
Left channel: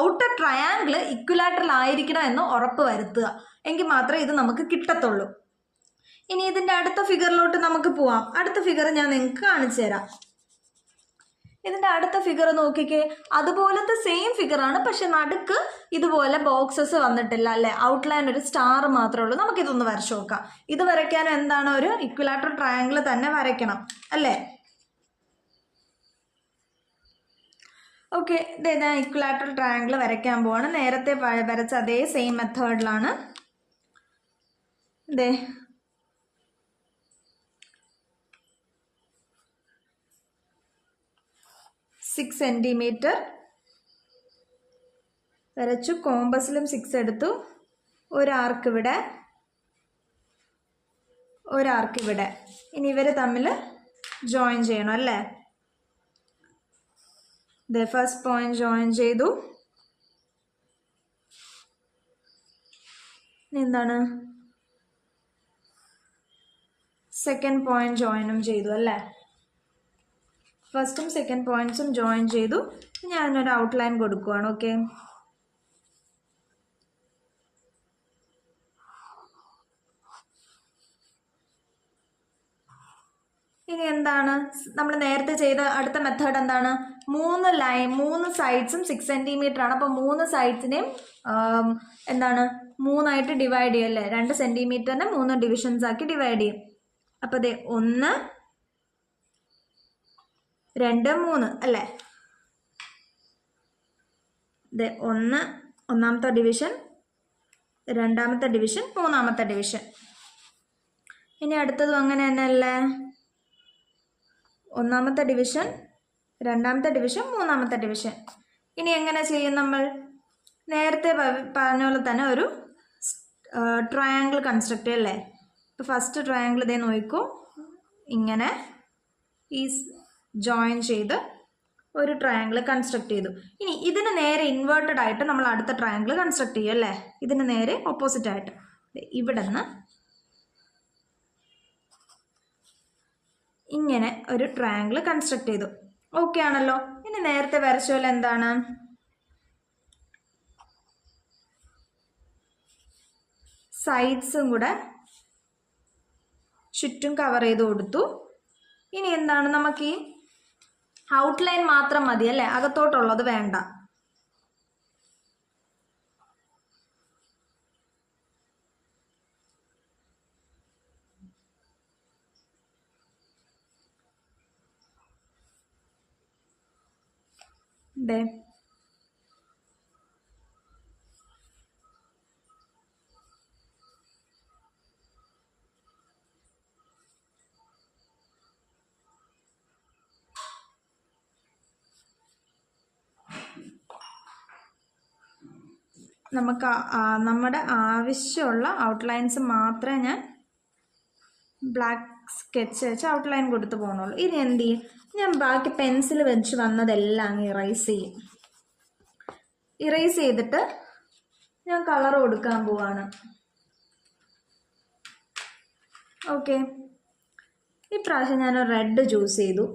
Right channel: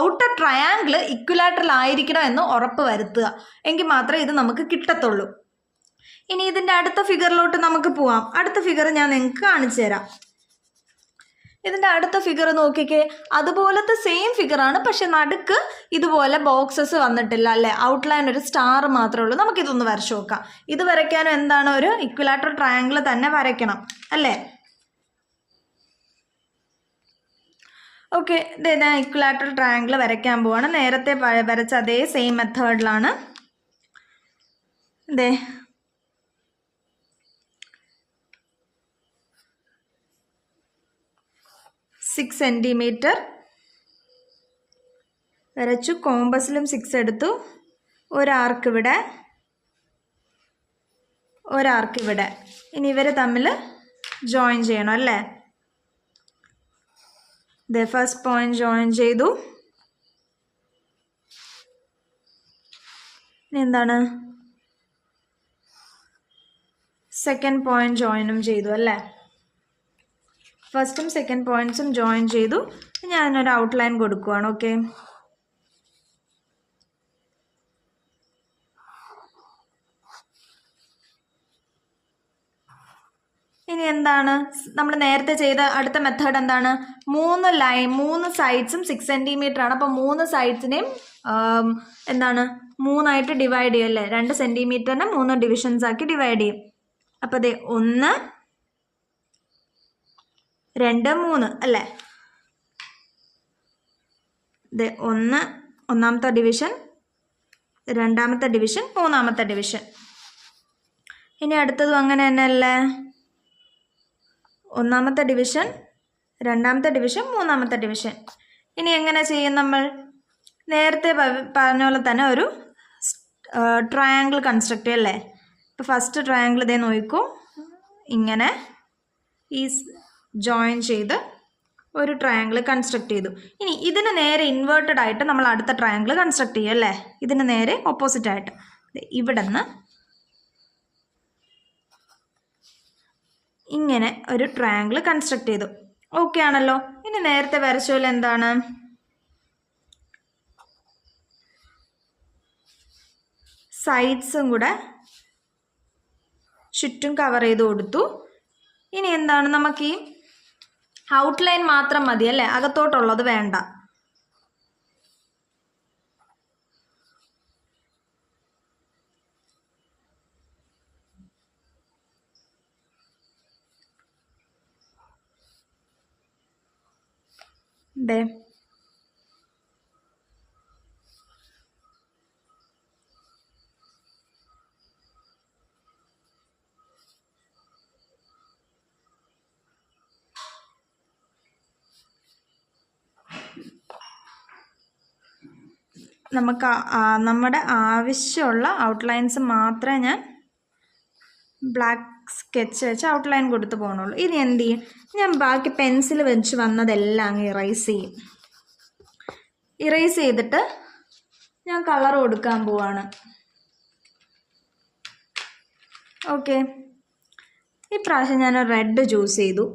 ഔട്ടർ ട്രയാങ്കിൾ ഇക്വിലാറ്ററൽ ആയിരിക്കണം എന്ന് ഉറപ്പ് വരുത്തുക. എങ്കിൽ മാത്രമേ ഇത് നമുക്ക് കിട്ടത്തുള്ളൂ. ഇനി ഇതിൻ്റെ അടുത്ത ഫിഗറിലോട്ട് നമുക്ക് പോവാം. അടുത്ത ഫിഗർ ഞാൻ നിങ്ങൾക്ക് കാണിച്ചു തരാം. ഇതിൻ്റെ അടുത്ത ഫിഗർ നോക്കിക്കേ, അതുപോലത്തെ സെയിം ഫിഗറാണ്, പക്ഷെ നടുക്ക് ഇതുപോലെ ബോക്സസ് വന്നിട്ടില്ല അല്ലേ. ഔട്ട്ലൈൻ ഒരു സ്റ്റാർ മാത്രമേ ഉള്ളൂ. നമുക്കിതൊന്ന് വരച്ചു നോക്കാം. ഇത് വരയ്ക്കാനും എന്താണ്, ഒരു ഇക്വിലാറ്ററൽ ട്രയാങ്കിൾ തന്നെ വരയ്ക്കണം അല്ലേ. ഓക്കെ, ഞാൻ ഇക്വിലാറ്ററൽ ട്രയാങ്കിൾ വരയ്ക്കാൻ പോവാണ്. നേരത്തെ വരച്ച അതേ സെയിം മെത്തേഡിലാണ്. 6 സെൻറ്റിമീറ്റർ വരച്ചു. കോമ്പസിലും 6 എടുത്തു. ഒരാർക്ക് ഇവിടെ, ഒരാർക്ക് ഇവിടെ. ഇനി ഇവർ തമ്മിൽ ജോയിൻ ചെയ്യണം അല്ലേ. ഫസ്റ്റ് പോയിന്റ് ജോയിൻ ചെയ്തു. ഇനി എന്താണ്, സെക്കൻഡ് പോയിന്റ് ജോയിനും ചെയ്തു അല്ലേ. ഫസ്റ്റും സെക്കൻഡ് പോയിന്റ്സും ജോയിൻ ചെയ്തു. ഞാനൊരു ഔട്ട്ലൈൻ കൊടുക്കുവാണ്. ഓക്കെ, ഇനി എന്താണ് നമ്മൾ നേരത്തെ ചെയ്ത അടുത്ത മെത്തേഡ് എന്താണ്, 3 സൈഡ്സും 6 സെൻറ്റിമീറ്റർ ആണ്. അപ്പോൾ 3 സൈഡ്സിനെയും എന്താണ് 3ആയിട്ട് ഡിവൈഡ് ചെയ്യും അല്ലേ. 2 സെൻറ്റിമീറ്ററിനെ 3 ഡിവിഷൻസ് ആക്കി ഡിവൈഡ് ചെയ്യും. അപ്പോൾ 1, 2, 3 അല്ലേ. 1 ഒന്നാമത്തെ ഡിവിഷൻ, രണ്ടാമത്തെ ഡിവിഷൻ, മൂന്നാമത്തെ ഡിവിഷൻ. ഇനി അടുത്തതും അങ്ങനെ തന്നെ അല്ലേ. ഒന്നാമത്തെ ഡിവിഷൻ, രണ്ടാമത്തെ ഡിവിഷൻ, മൂന്നാമത്തെ ഡിവിഷൻ. ഇനി എങ്ങനെ ചെയ്യും, നമ്മൾ നേരത്തെ പറഞ്ഞ പോലെ തന്നെ ഒരു ട്രയാങ്കിൾ കൺസ്ട്രക്ട് ചെയ്യും അല്ലേ. ഇപ്പോൾ ഫസ്റ്റ് ട്രയാങ്കിൾ ഇതേ നോക്കൂ, ഇങ്ങനെ ഈ ജോയിൻ ചെയ്ത് ഒരു ട്രയാങ്കിൾ കൺസ്ട്രക്ട് ചെയ്തു. ഇനി ഇതിന് നേരെ ഇൻവേർട്ടഡ് ആയിട്ട് നമ്മൾ അടുത്ത ട്രയാങ്കിൾ കൺസ്ട്രക്ട് ചെയ്യും അല്ലേ. ഇതിന് നേരെ ഓപ്പോസിറ്റ് ആയിട്ട് ഇവിടെ നിന്ന് ഇങ്ങനെ ഒരു ട്രയാങ്കിൾ കൺസ്ട്രക്ട് ചെയ്തു. ഓക്കെ ആണല്ലോ. ഇനി നേരത്തെ വരച്ച പോലെ എന്താണ്, സൈഡ്സും കൂടെ ചുറ്റും കവർ ചെയ്ത് കൊടുത്തു. ഇനി എന്താണ്, നമുക്ക് ഈ ഔട്ട്ലൈൻ മാത്രം മതി അല്ലേ, അകത്തോട്ടുള്ളത് വേണ്ട. നമുക്ക് നമ്മുടെ ആവശ്യമുള്ള ഔട്ട്ലൈൻസ് മാത്രമേ ഞാൻ ബ്ലാക്ക് സ്കെച്ച് വെച്ച് ഔട്ട്ലൈൻ കൊടുത്ത് പോകണുള്ളൂ. ഇനി എന്ത് ചെയ്യും, ഞാൻ ബാക്കി പെൻസിൽ വെച്ച് വന്നതെല്ലാം അങ്ങ് ഇറേസ് ചെയ്യും. ഇറേസ് ചെയ്തിട്ട് ഞാൻ കളർ കൊടുക്കാൻ പോവാണ്. ഓക്കെ, ഇപ്രാവശ്യം ഞാൻ റെഡ് ചൂസ് ചെയ്തു.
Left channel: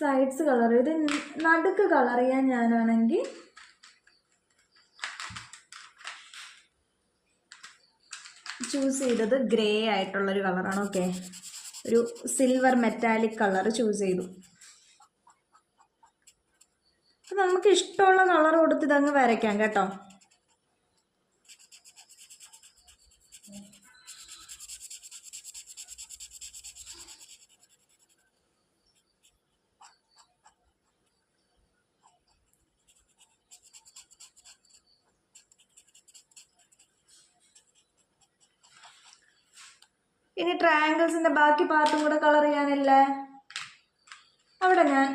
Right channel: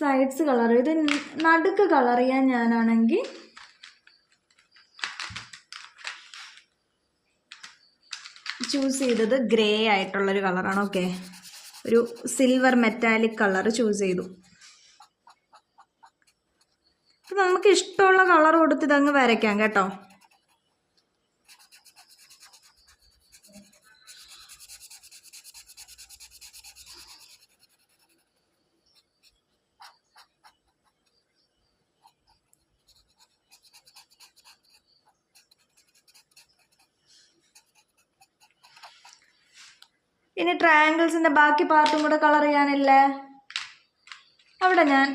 സൈഡ്സ് കളർ, ഇത് നടുക്ക് കളർ ചെയ്യാൻ ഞാനാണെങ്കിൽ ചൂസ് ചെയ്തത് ഗ്രേ ആയിട്ടുള്ളൊരു കളറാണ്. ഓക്കെ, ഒരു സിൽവർ മെറ്റാലിക് കളർ ചൂസ് ചെയ്തു. നമുക്ക് ഇഷ്ടമുള്ള കളർ കൊടുത്ത് ഇതങ്ങ് വരയ്ക്കാം കേട്ടോ. ഇനി ട്രയാങ്കിൾസിന്റെ ബാക്കി പാർട്ടും കൂടെ കളർ ചെയ്യാനില്ലേ, അവിടെ ഞാൻ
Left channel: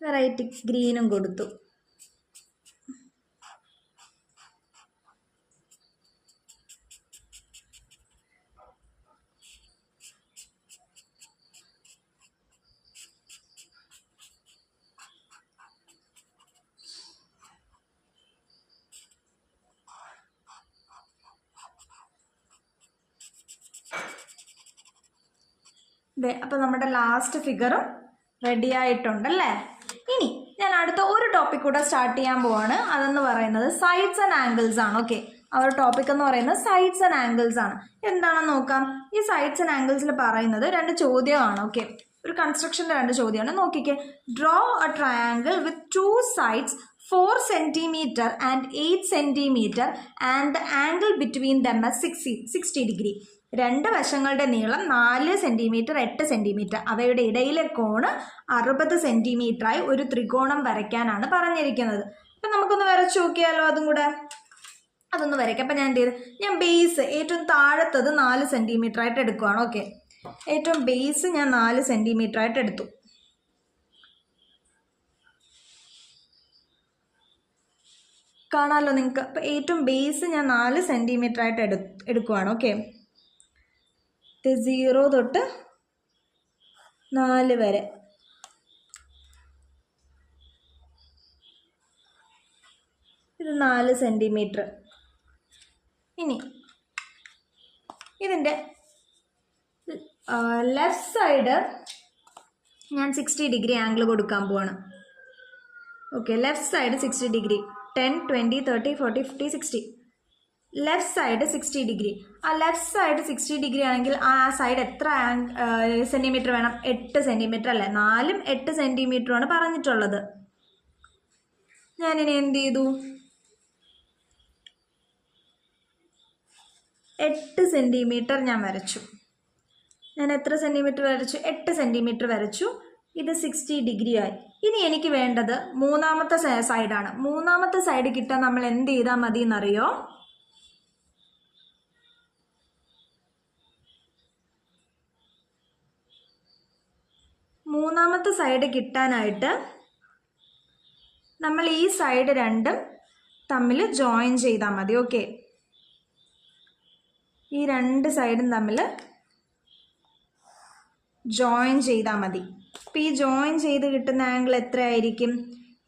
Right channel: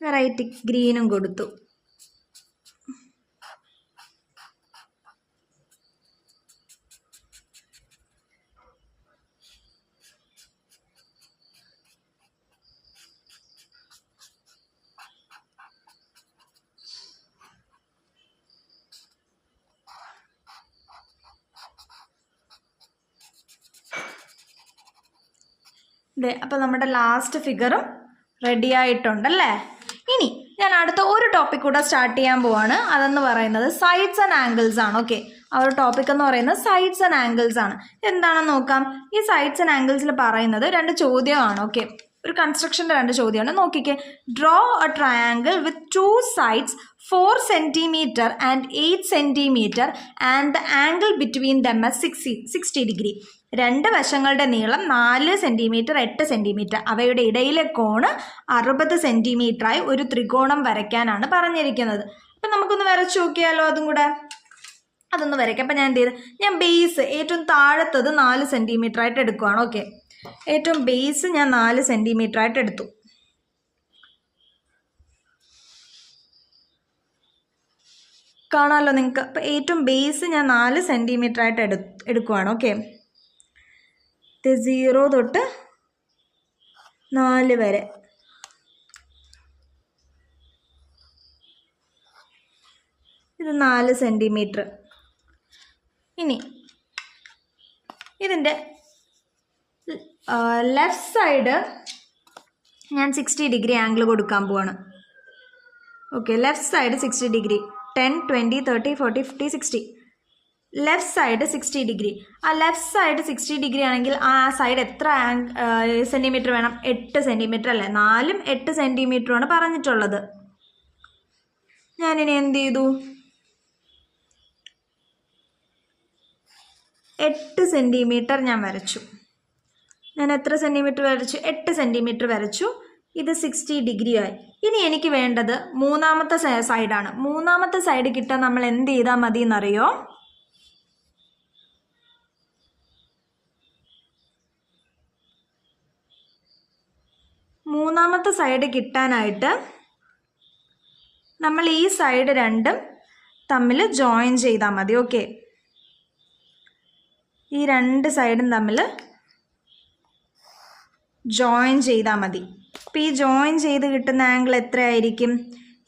വെറൈറ്റി ഗ്രീനും കൊടുത്തു. അപ്പോൾ നമ്മുടെ ലാസ്റ്റ് ഫിഗറും റെഡി ആയിട്ടുണ്ടല്ലേ. ഇനി ഞാൻ അടുത്ത ഒരു ടോപ്പിക് കൂടെ സ്റ്റാർട്ട് ചെയ്യാൻ പോവാണ്. അതെന്ന് പറയുന്നത് സൈഡ്സ് ആൻഡ് ആംഗിൾസ് ആണ്. ഓക്കെ, ആ ഒരു ടോപ്പിക് എന്ന് പറയുന്നത് സൈഡ്സ് ആൻഡ് ആംഗിൾസ് ആണ്. എന്താണെന്ന് നോക്കാം. ഈ സൈഡ്സ് ആൻഡ് ആംഗിൾസിൽ പറയുന്നത് 2 ചോദ്യമാണ്. ഓക്കെ, ഒരു കൺസ്ട്രക്ഷൻ്റെ 2 ചോദ്യമാണ്. നോക്കിക്കേ. Draw A triangle with 2 sides 4 centimeter and 8 centimeter and the angle between them is 60 degree. 2 വശങ്ങളുടെ നീളം 4 സെൻറ്റിമീറ്റർ 8 സെൻറ്റിമീറ്റർ, അവയുടെ ഇടയിലെ കോണ് 60 സെൻറ്റിമീറ്ററായി ഒരു ത്രികോണം വരയ്ക്കാനാണ് പറഞ്ഞിരിക്കുന്നത്. അപ്പം നമുക്കൊന്ന് വരച്ചു നോക്കിയാലോ അതും കൂടെ. അതൊന്ന് വരയ്ക്കാം. അപ്പം ഞാൻ എന്ത് ചെയ്ത്, ഞാൻ ബേസ് ഏറ്റവും താഴത്തത് 4 സെൻറ്റിമീറ്റർ ആയിട്ട് എടുക്കുകയാണ്. ഓക്കെ, ഏറ്റവും ബേസ് ഞാൻ 4 സെൻറ്റിമീറ്റർ ആയിട്ട് എടുത്തു. കാണാമല്ലോ നിങ്ങൾക്ക്. അപ്പം ഏറ്റവും ബേസ് ഞാൻ 4 സെൻറ്റിമീറ്റർ ആയിട്ട് എടുക്കുകയാണ്. ഓക്കെ, 0 തൊട്ട് 4 വരെ. ഇത് 4 സെൻറ്റിമീറ്റർ. ഇനി ഇതിൻ്റെ ലെഫ്റ്റ് സൈഡ് ഞാൻ 60 ഡിഗ്രി ആംഗിൾ കൊടുക്കാൻ പോവാണ്. Okay, left side 60 degree, 10, 20, 30, 40, 50, 60. Left side 60 degree. ആ ലെഫ്റ്റ് സൈഡ് 60 ഡിഗ്രി ആണെങ്കിൽ ആ സൈഡ് എത്ര സെൻറ്റിമീറ്റർ വേണം? 8 സെൻറ്റിമീറ്റർ അല്ലേ? 4ഉം 8 സെൻറ്റിമീറ്ററുമാണ് പറഞ്ഞിട്ടുള്ളത്. ഞാനിനി എന്ത് ചെയ്തു, 8 സെൻറ്റിമീറ്റർ ഞാൻ വരച്ചു. ഞാൻ എത്ര സെൻറ്റിമീറ്റർ വരച്ചു? 8 സെൻറ്റിമീറ്റർ വരച്ചു. ഇത് 60 ഡിഗ്രി ആയി. ഇനി എനിക്ക് വേണ്ടത് മൂന്നാമത്തെ സൈഡാണ്. മൂന്നാമത്തെ സൈഡ് കിട്ടാൻ നമ്മൾ എന്ത് ചെയ്താൽ മതി എന്നറിയോ? മൂന്നാമത്തെ സൈഡ് കിട്ടാനായിട്ട് നമ്മൾ ഈ സൈഡ് 2ഉം തമ്മിൽ ജോയിൻ ചെയ്താൽ മതി. ഓക്കെ, ഈ 2 സൈഡും തമ്മിൽ ജോയിൻ ചെയ്താൽ മതി. അപ്പോൾ ഈ ജോയിൻ ചെയ്ത് കിട്ടുന്ന ആംഗിൾ എത്രയായിരിക്കും?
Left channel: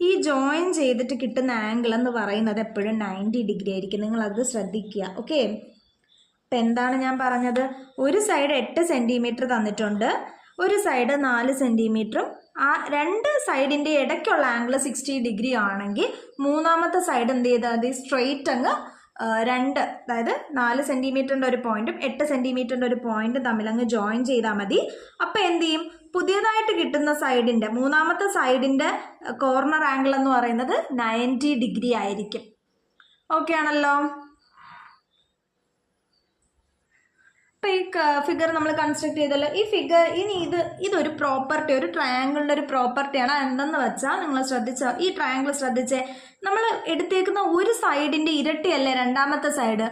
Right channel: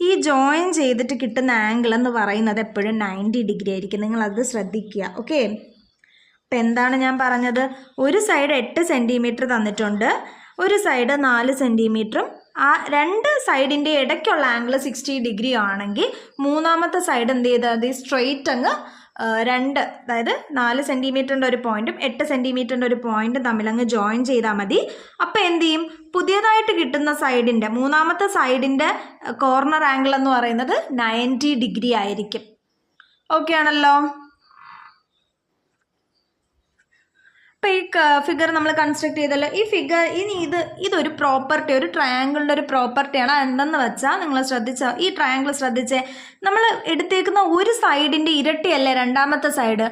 ഈ ജോയിൻ ചെയ്തിട്ട് കിട്ടുന്ന ആംഗിൾ എന്ന് പറയുന്നത് എപ്പോഴും 90 ഡിഗ്രി ആയിരിക്കും. നിങ്ങളത് ശ്രദ്ധിക്കുക. ഓക്കെ, അപ്പം എന്താണ് ഞാൻ പറഞ്ഞത്? ഒരു സൈഡ് 8 സെൻറ്റിമീറ്റർ തന്നിട്ടുണ്ട്, ഒരു സൈഡ് 4 സെൻറ്റിമീറ്ററും. ആ 2 സൈഡിൻ്റെ ഇടയ്ക്കുള്ള ആംഗിൾ 60 ഡിഗ്രി ആണെങ്കിൽ മൂന്നാമത്തെ സൈഡ് എന്ത് ചെയ്താൽ മതി? സ്ട്രെയിറ്റ് അങ്ങ് 2, അതായത് 4 സെൻറ്റിമീറ്ററിൻ്റെ ഒരു പോയിൻറ്റും 8 സെൻറ്റിമീറ്ററിൻ്റെ ഒരു പോയിൻറ്റും തമ്മിൽ അങ്ങ് ജോയിൻ ചെയ്താൽ മതി. അപ്പോൾ എന്ത് ചെയ്യും? പുതിയതായിട്ട് കിട്ടുന്ന സൈഡിൻ്റെ മൂന്നാമത്തെ സൈഡിൻ്റെ കോർണർ ആംഗിൾ എന്ന് പറയുന്നത് 90 ഡിഗ്രി ആയിരിക്കും. ഓക്കെ ആണല്ലോ? അപ്പോൾ ഈ ഫിഗർ നമ്മൾ കൺസ്ട്രക്ട് ചെയ്തല്ലോ. ഈ ഫിഗർ ഇനി ഇതൊരു പ്രോപ്പർട്ടി, ഒരു ട്രയാങ്കിളിൻ്റെ ഒരു പ്രോപ്പർട്ടിയാണ്. എന്തെന്ന് വെച്ചാൽ നിങ്ങൾ ശ്രദ്ധിച്ചാൽ ഈ ട്രയാങ്കിൾ ശ്രദ്ധിച്ചേ, നമ്മൾ എടുത്തേക്കുന്ന ഒരു സൈഡിൻ്റെ ഇരട്ടിയല്ലേ രണ്ടാമത്തെ സൈഡ്?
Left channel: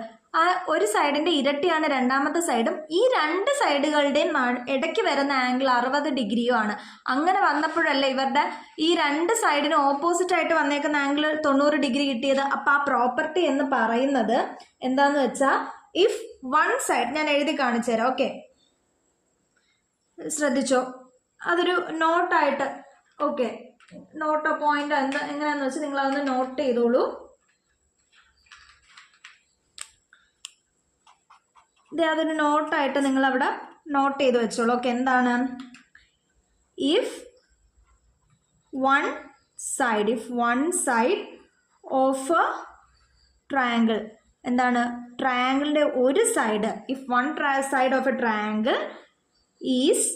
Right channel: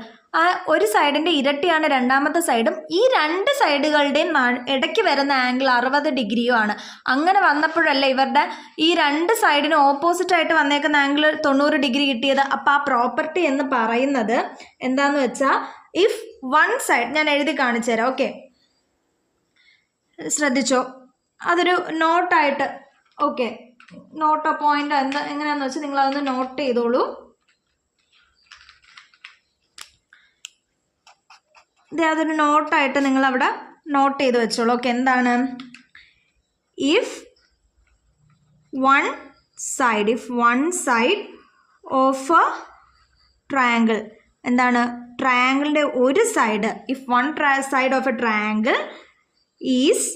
ഒരു സൈഡിൻ്റെ ഇരട്ടിയാണ് രണ്ടാമത്തെ സൈഡും. ഈ രണ്ട് സൈഡുകളുടെയും ഇടയ്ക്ക് വരുന്ന ആംഗിൾ 60 ഡിഗ്രിയുമാണ്. അങ്ങനെ വന്നപ്പോഴല്ലേ ഇവരുടെ ഈ രണ്ട് സൈഡിന് ഓപ്പോസിറ്റായിട്ട് വന്നേക്കുന്ന ആംഗിൾ 90 ഡിഗ്രി കിട്ടിയത്. അപ്പോൾ ആ പ്രോപ്പർട്ടി എന്ന് പറയുന്നത് എന്താണെന്ന് വെച്ചാൽ, ഇഫ് വൺ സൈഡ്, ഞാൻ എഴുതി കാണിച്ചു തരാം. ഓക്കെ, ശ്രദ്ധിച്ചോ, അതൊരു നോട്ടായിട്ട്. ഓക്കെ, നോട്ടോ പോയിന്റ് എങ്ങനെയാണെന്ന് വെച്ചാൽ നിങ്ങളതൊന്ന് നോട്ട് ചെയ്തോളൂ. അതൊരു നോട്ടായിട്ട് നിങ്ങളവിടെ നോട്ട് ചെയ്ത് വെച്ചോളൂ. ഓക്കെ, എന്താണ്? If one side of a triangle, എന്താണ്? ട്രയാങ്കിളിൻ്റെ ഒരു side, if one side of a triangle is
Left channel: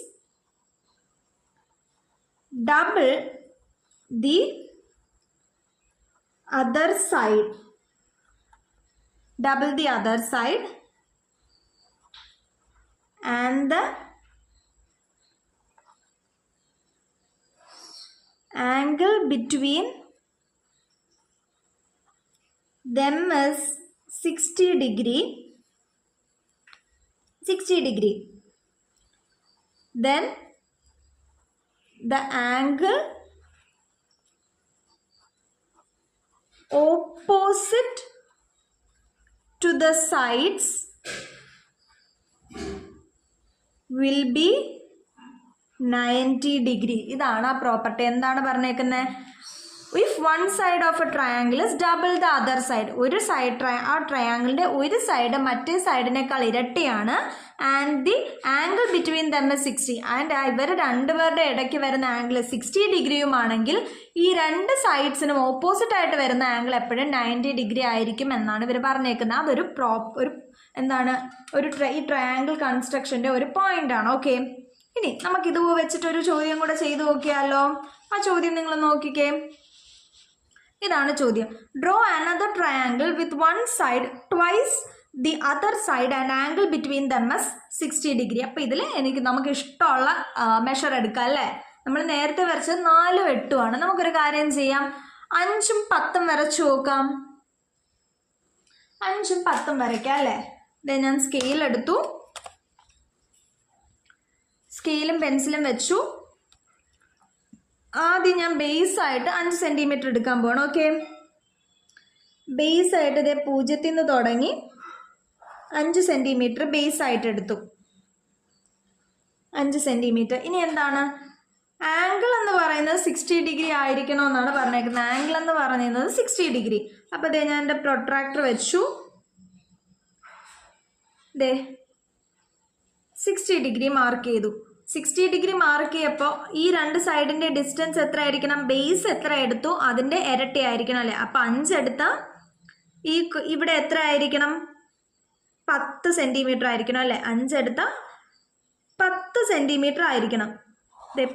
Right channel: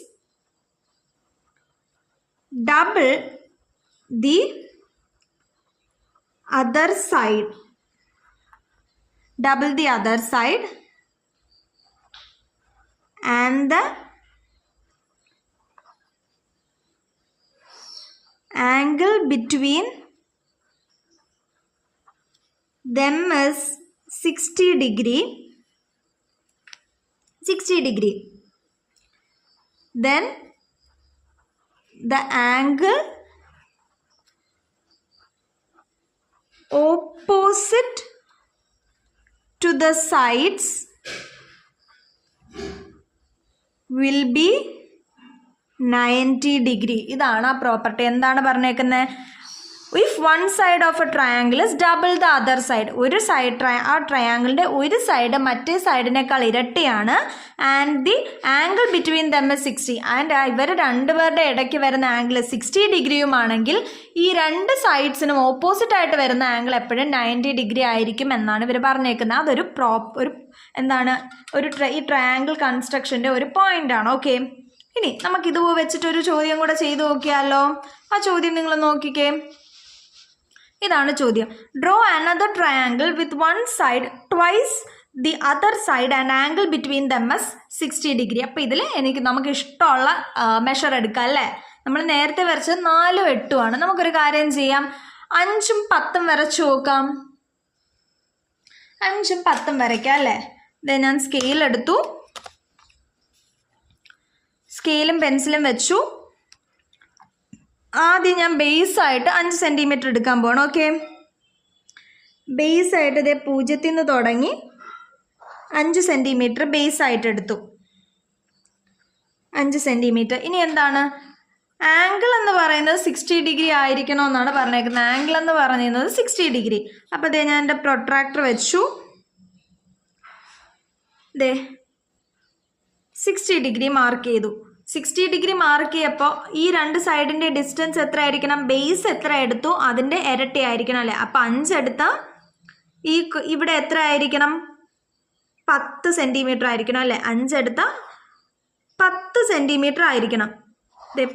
double the other side, and the angle between them is 60 degree, then the angle opposite to the sides will be 90 degree. ഇതാണ് ആ property. എന്താണ് പറഞ്ഞേക്കുന്നത്? If one side of a triangle is double the other side, ഒരു side ആ ട്രയാങ്കിളിൻ്റെ ഒരു side മറ്റേ സൈഡിനേക്കാൾ ഇരട്ടിയാണ്. And the angle between them is 60, and ഇവർ രണ്ടുപേരുടെ ഇടയ്ക്ക് വരുന്ന ആംഗിൾ 60 ഡിഗ്രിയുമാണെങ്കിൽ ഈ രണ്ട് സൈഡ്സിനും ഓപ്പോസിറ്റായിട്ട് വരുന്ന ആംഗിൾ എപ്പോഴും 90 ഡിഗ്രി ആയിരിക്കും എന്നാണ് ഇവർ പറഞ്ഞേക്കുന്നത്. അതൊരു എന്താണ്, ഈ ട്രയാങ്കിൾ കൺസ്ട്രക്ഷൻ്റെ ഒരു പോയിൻ്റാണ്. ഓക്കെ, ഇനി നമുക്കിത് വെച്ചിട്ടൊരു ചോദ്യം കൂടെ ചെയ്തു നോക്കിയാലോ? ആ ചോദ്യം നിങ്ങൾ നോക്കിക്കേ. ഇതാണ് ചോദ്യം. Draw another triangle with one side twice the other side and angle between them is 60 degree. അപ്പോൾ ഇതിൽ നമുക്ക് ഇഷ്ടമുള്ള മെഷർ എടുക്കാം അല്ലേ? നമ്മൾ നേരത്തെ വരച്ചത് 4ഉം 8ഉം ആണ്. നമുക്കൊരു കാര്യം ചെയ്യാം, 5ഉം 10ഉം വരച്ചു നോക്കാം. 5ഉം 10ഉം വരയ്ക്കാം അല്ലേ? ഞാൻ സ്കെയിൽ എടുത്തു, സ്കെയിലും പെൻസിലും വെച്ചു. ആദ്യം ഞാൻ ബേസ് ആയിട്ട് 5 സെൻറ്റിമീറ്റർ എടുക്കാൻ പോകണം. ഓക്കെ, ബേസ് ആയിട്ട് ഇതേ 0 നിന്ന് തുടങ്ങി 5 സെൻറ്റിമീറ്റർ ബേസ് ആയിട്ട് എടുത്തു. 5 സെൻറ്റിമീറ്റർ. ഇനി എന്താണ്? ആംഗിൾ എന്ന് പറയുന്നത് 60 ഡിഗ്രി ആയിരിക്കണമെന്നാണ് പറഞ്ഞേക്കുന്നത്. ആംഗിൾ എന്ന് പറയുന്നത് 60 ഡിഗ്രി. അപ്പോൾ ഇതേ ഞാൻ എൻ്റെ പ്രൊട്രാക്ടർ വെച്ചു. 60 ഡിഗ്രി മാർക്ക് ചെയ്തു. 60 ഡിഗ്രി മാർക്ക് ചെയ്യപ്പോൾ ഈ രണ്ട് സൈഡിൻ്റെ ഡിസ്റ്റൻസ് എത്ര ആയിരിക്കണം? ബേസ് എത്ര എടുത്തു അതിൻ്റെ ഇരട്ടി ആയിരിക്കണം അല്ലേ? അപ്പോൾ 5 എടുത്താൽ ഇവിടെ എത്ര ആയിരിക്കണം? 10 സെൻറ്റിമീറ്റർ ആയിരിക്കണം അല്ലേ? 5 എടുത്താൽ 10 സെൻറ്റിമീറ്റർ ആയിരിക്കണം.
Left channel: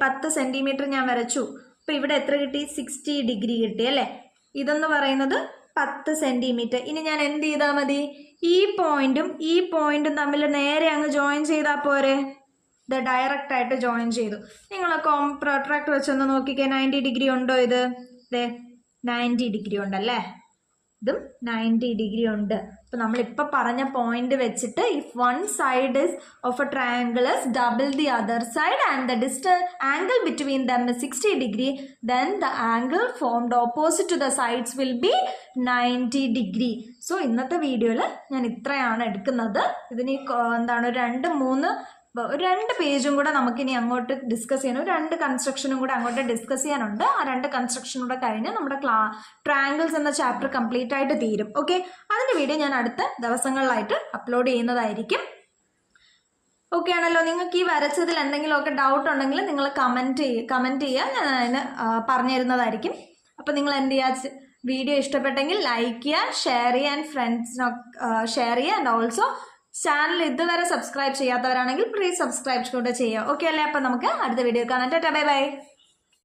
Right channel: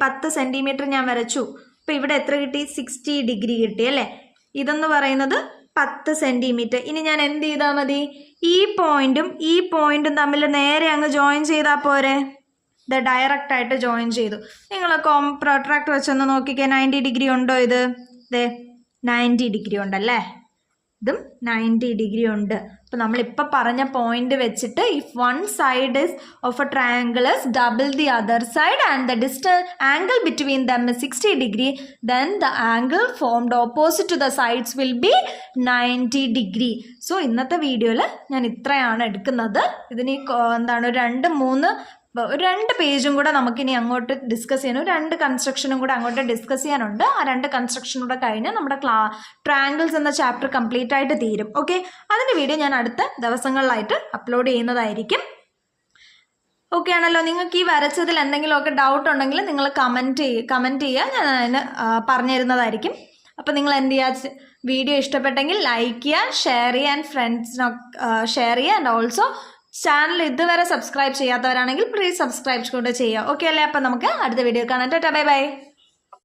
10 സെൻറ്റിമീറ്റർ ഞാൻ വരച്ചു. അപ്പോൾ ഇവിടെ എത്ര കിട്ടി? 60 ഡിഗ്രി കിട്ടി അല്ലേ? ഇതെന്ന് പറയുന്നത് 10 സെൻറ്റിമീറ്റർ. ഇനി ഞാൻ എന്ത് ചെയ്താൽ മതി? ഈ പോയിന്റും തമ്മിൽ നേരെ അങ്ങ് ജോയിൻ ചെയ്താൽ പോരെ? ഇത് ഡയറക്റ്റായിട്ട് ജോയിൻ ചെയ്തു. നിങ്ങൾ പ്രൊട്രാക്ടർ വെച്ചൊന്ന് നോക്കിക്കേ, 90 ഡിഗ്രി ഉണ്ടോ? ഇത് 90 ഡിഗ്രി ഉണ്ടല്ലേ? ഇതും 90 ഡിഗ്രി ഉണ്ട്. അപ്പോൾ നമ്മളിപ്പോൾ പറഞ്ഞ പോയിന്റ് വെച്ചിട്ട് if one side is of a triangle is double the other side and the distance angle between them is 60 degree, then the angle formed opposite to the sides will be 90 degree. So ഇന്നത്തെ വീഡിയോയിൽ ഞാൻ ഇത്രയാണ് എടുക്കുന്നത്. ഇതിന് എന്താണ് ഒരു 2 പേജും കൂടെ നമുക്കിനി അങ്ങോട്ട് ഡിസ്കസ് ചെയ്യണം. 2 കൺസ്ട്രക്ഷനും കൂടെ അങ്ങോട്ട് ഡിസ്കസ് ചെയ്യാനുണ്ട്. ആ 2 കൺസ്ട്രക്ഷനും കൂടെ കഴിഞ്ഞ് നമ്മുടെ ട്രയാങ്കിൾസ് എന്ന ചാപ്റ്റർ കംപ്ലീറ്റ് ആയിട്ട് തീരും. ഓക്കെ, അതിൻ്റെ വീഡിയോ ഞാൻ അടുത്ത ദിവസങ്ങളിലായിട്ട് അപ്ലോഡ് ചെയ്യുന്നതായിരിക്കും. ഓക്കെ ആണല്ലോ? നിങ്ങൾക്ക് ഈ വരച്ചതിൽ എന്തെങ്കിലുമൊക്കെ ഡൗട്ട് ഉണ്ടെങ്കിൽ നിങ്ങൾ കമൻറ്റ് ചെയ്യുക, ഞാൻ അതിന് പറഞ്ഞു തരുന്നതായിരിക്കും. അപ്പോൾ നിങ്ങൾ എന്ത് ചെയ്യുക? വീഡിയോ ഇഷ്ടപ്പെട്ടെങ്കിൽ ലൈക്ക് ചെയ്യുക, ഷെയർ ചെയ്യുക, ആൻഡ് ഫ്രണ്ട്സിനൊക്കെ ഷെയർ ചെയ്യുക. ആൻഡ് ഓൾസോ ചാനൽ ഇതുവരെ സബ്സ്ക്രൈബ് ചെയ്യാത്തവരാണെങ്കിൽ പ്ലീസ് സബ്സ്ക്രൈബ് കൂടെ ചെയ്യുക. ഓക്കെ അല്ലേ? അപ്പം നമുക്ക് അടുത്ത വീഡിയോ കാണാം. Tata, bye bye.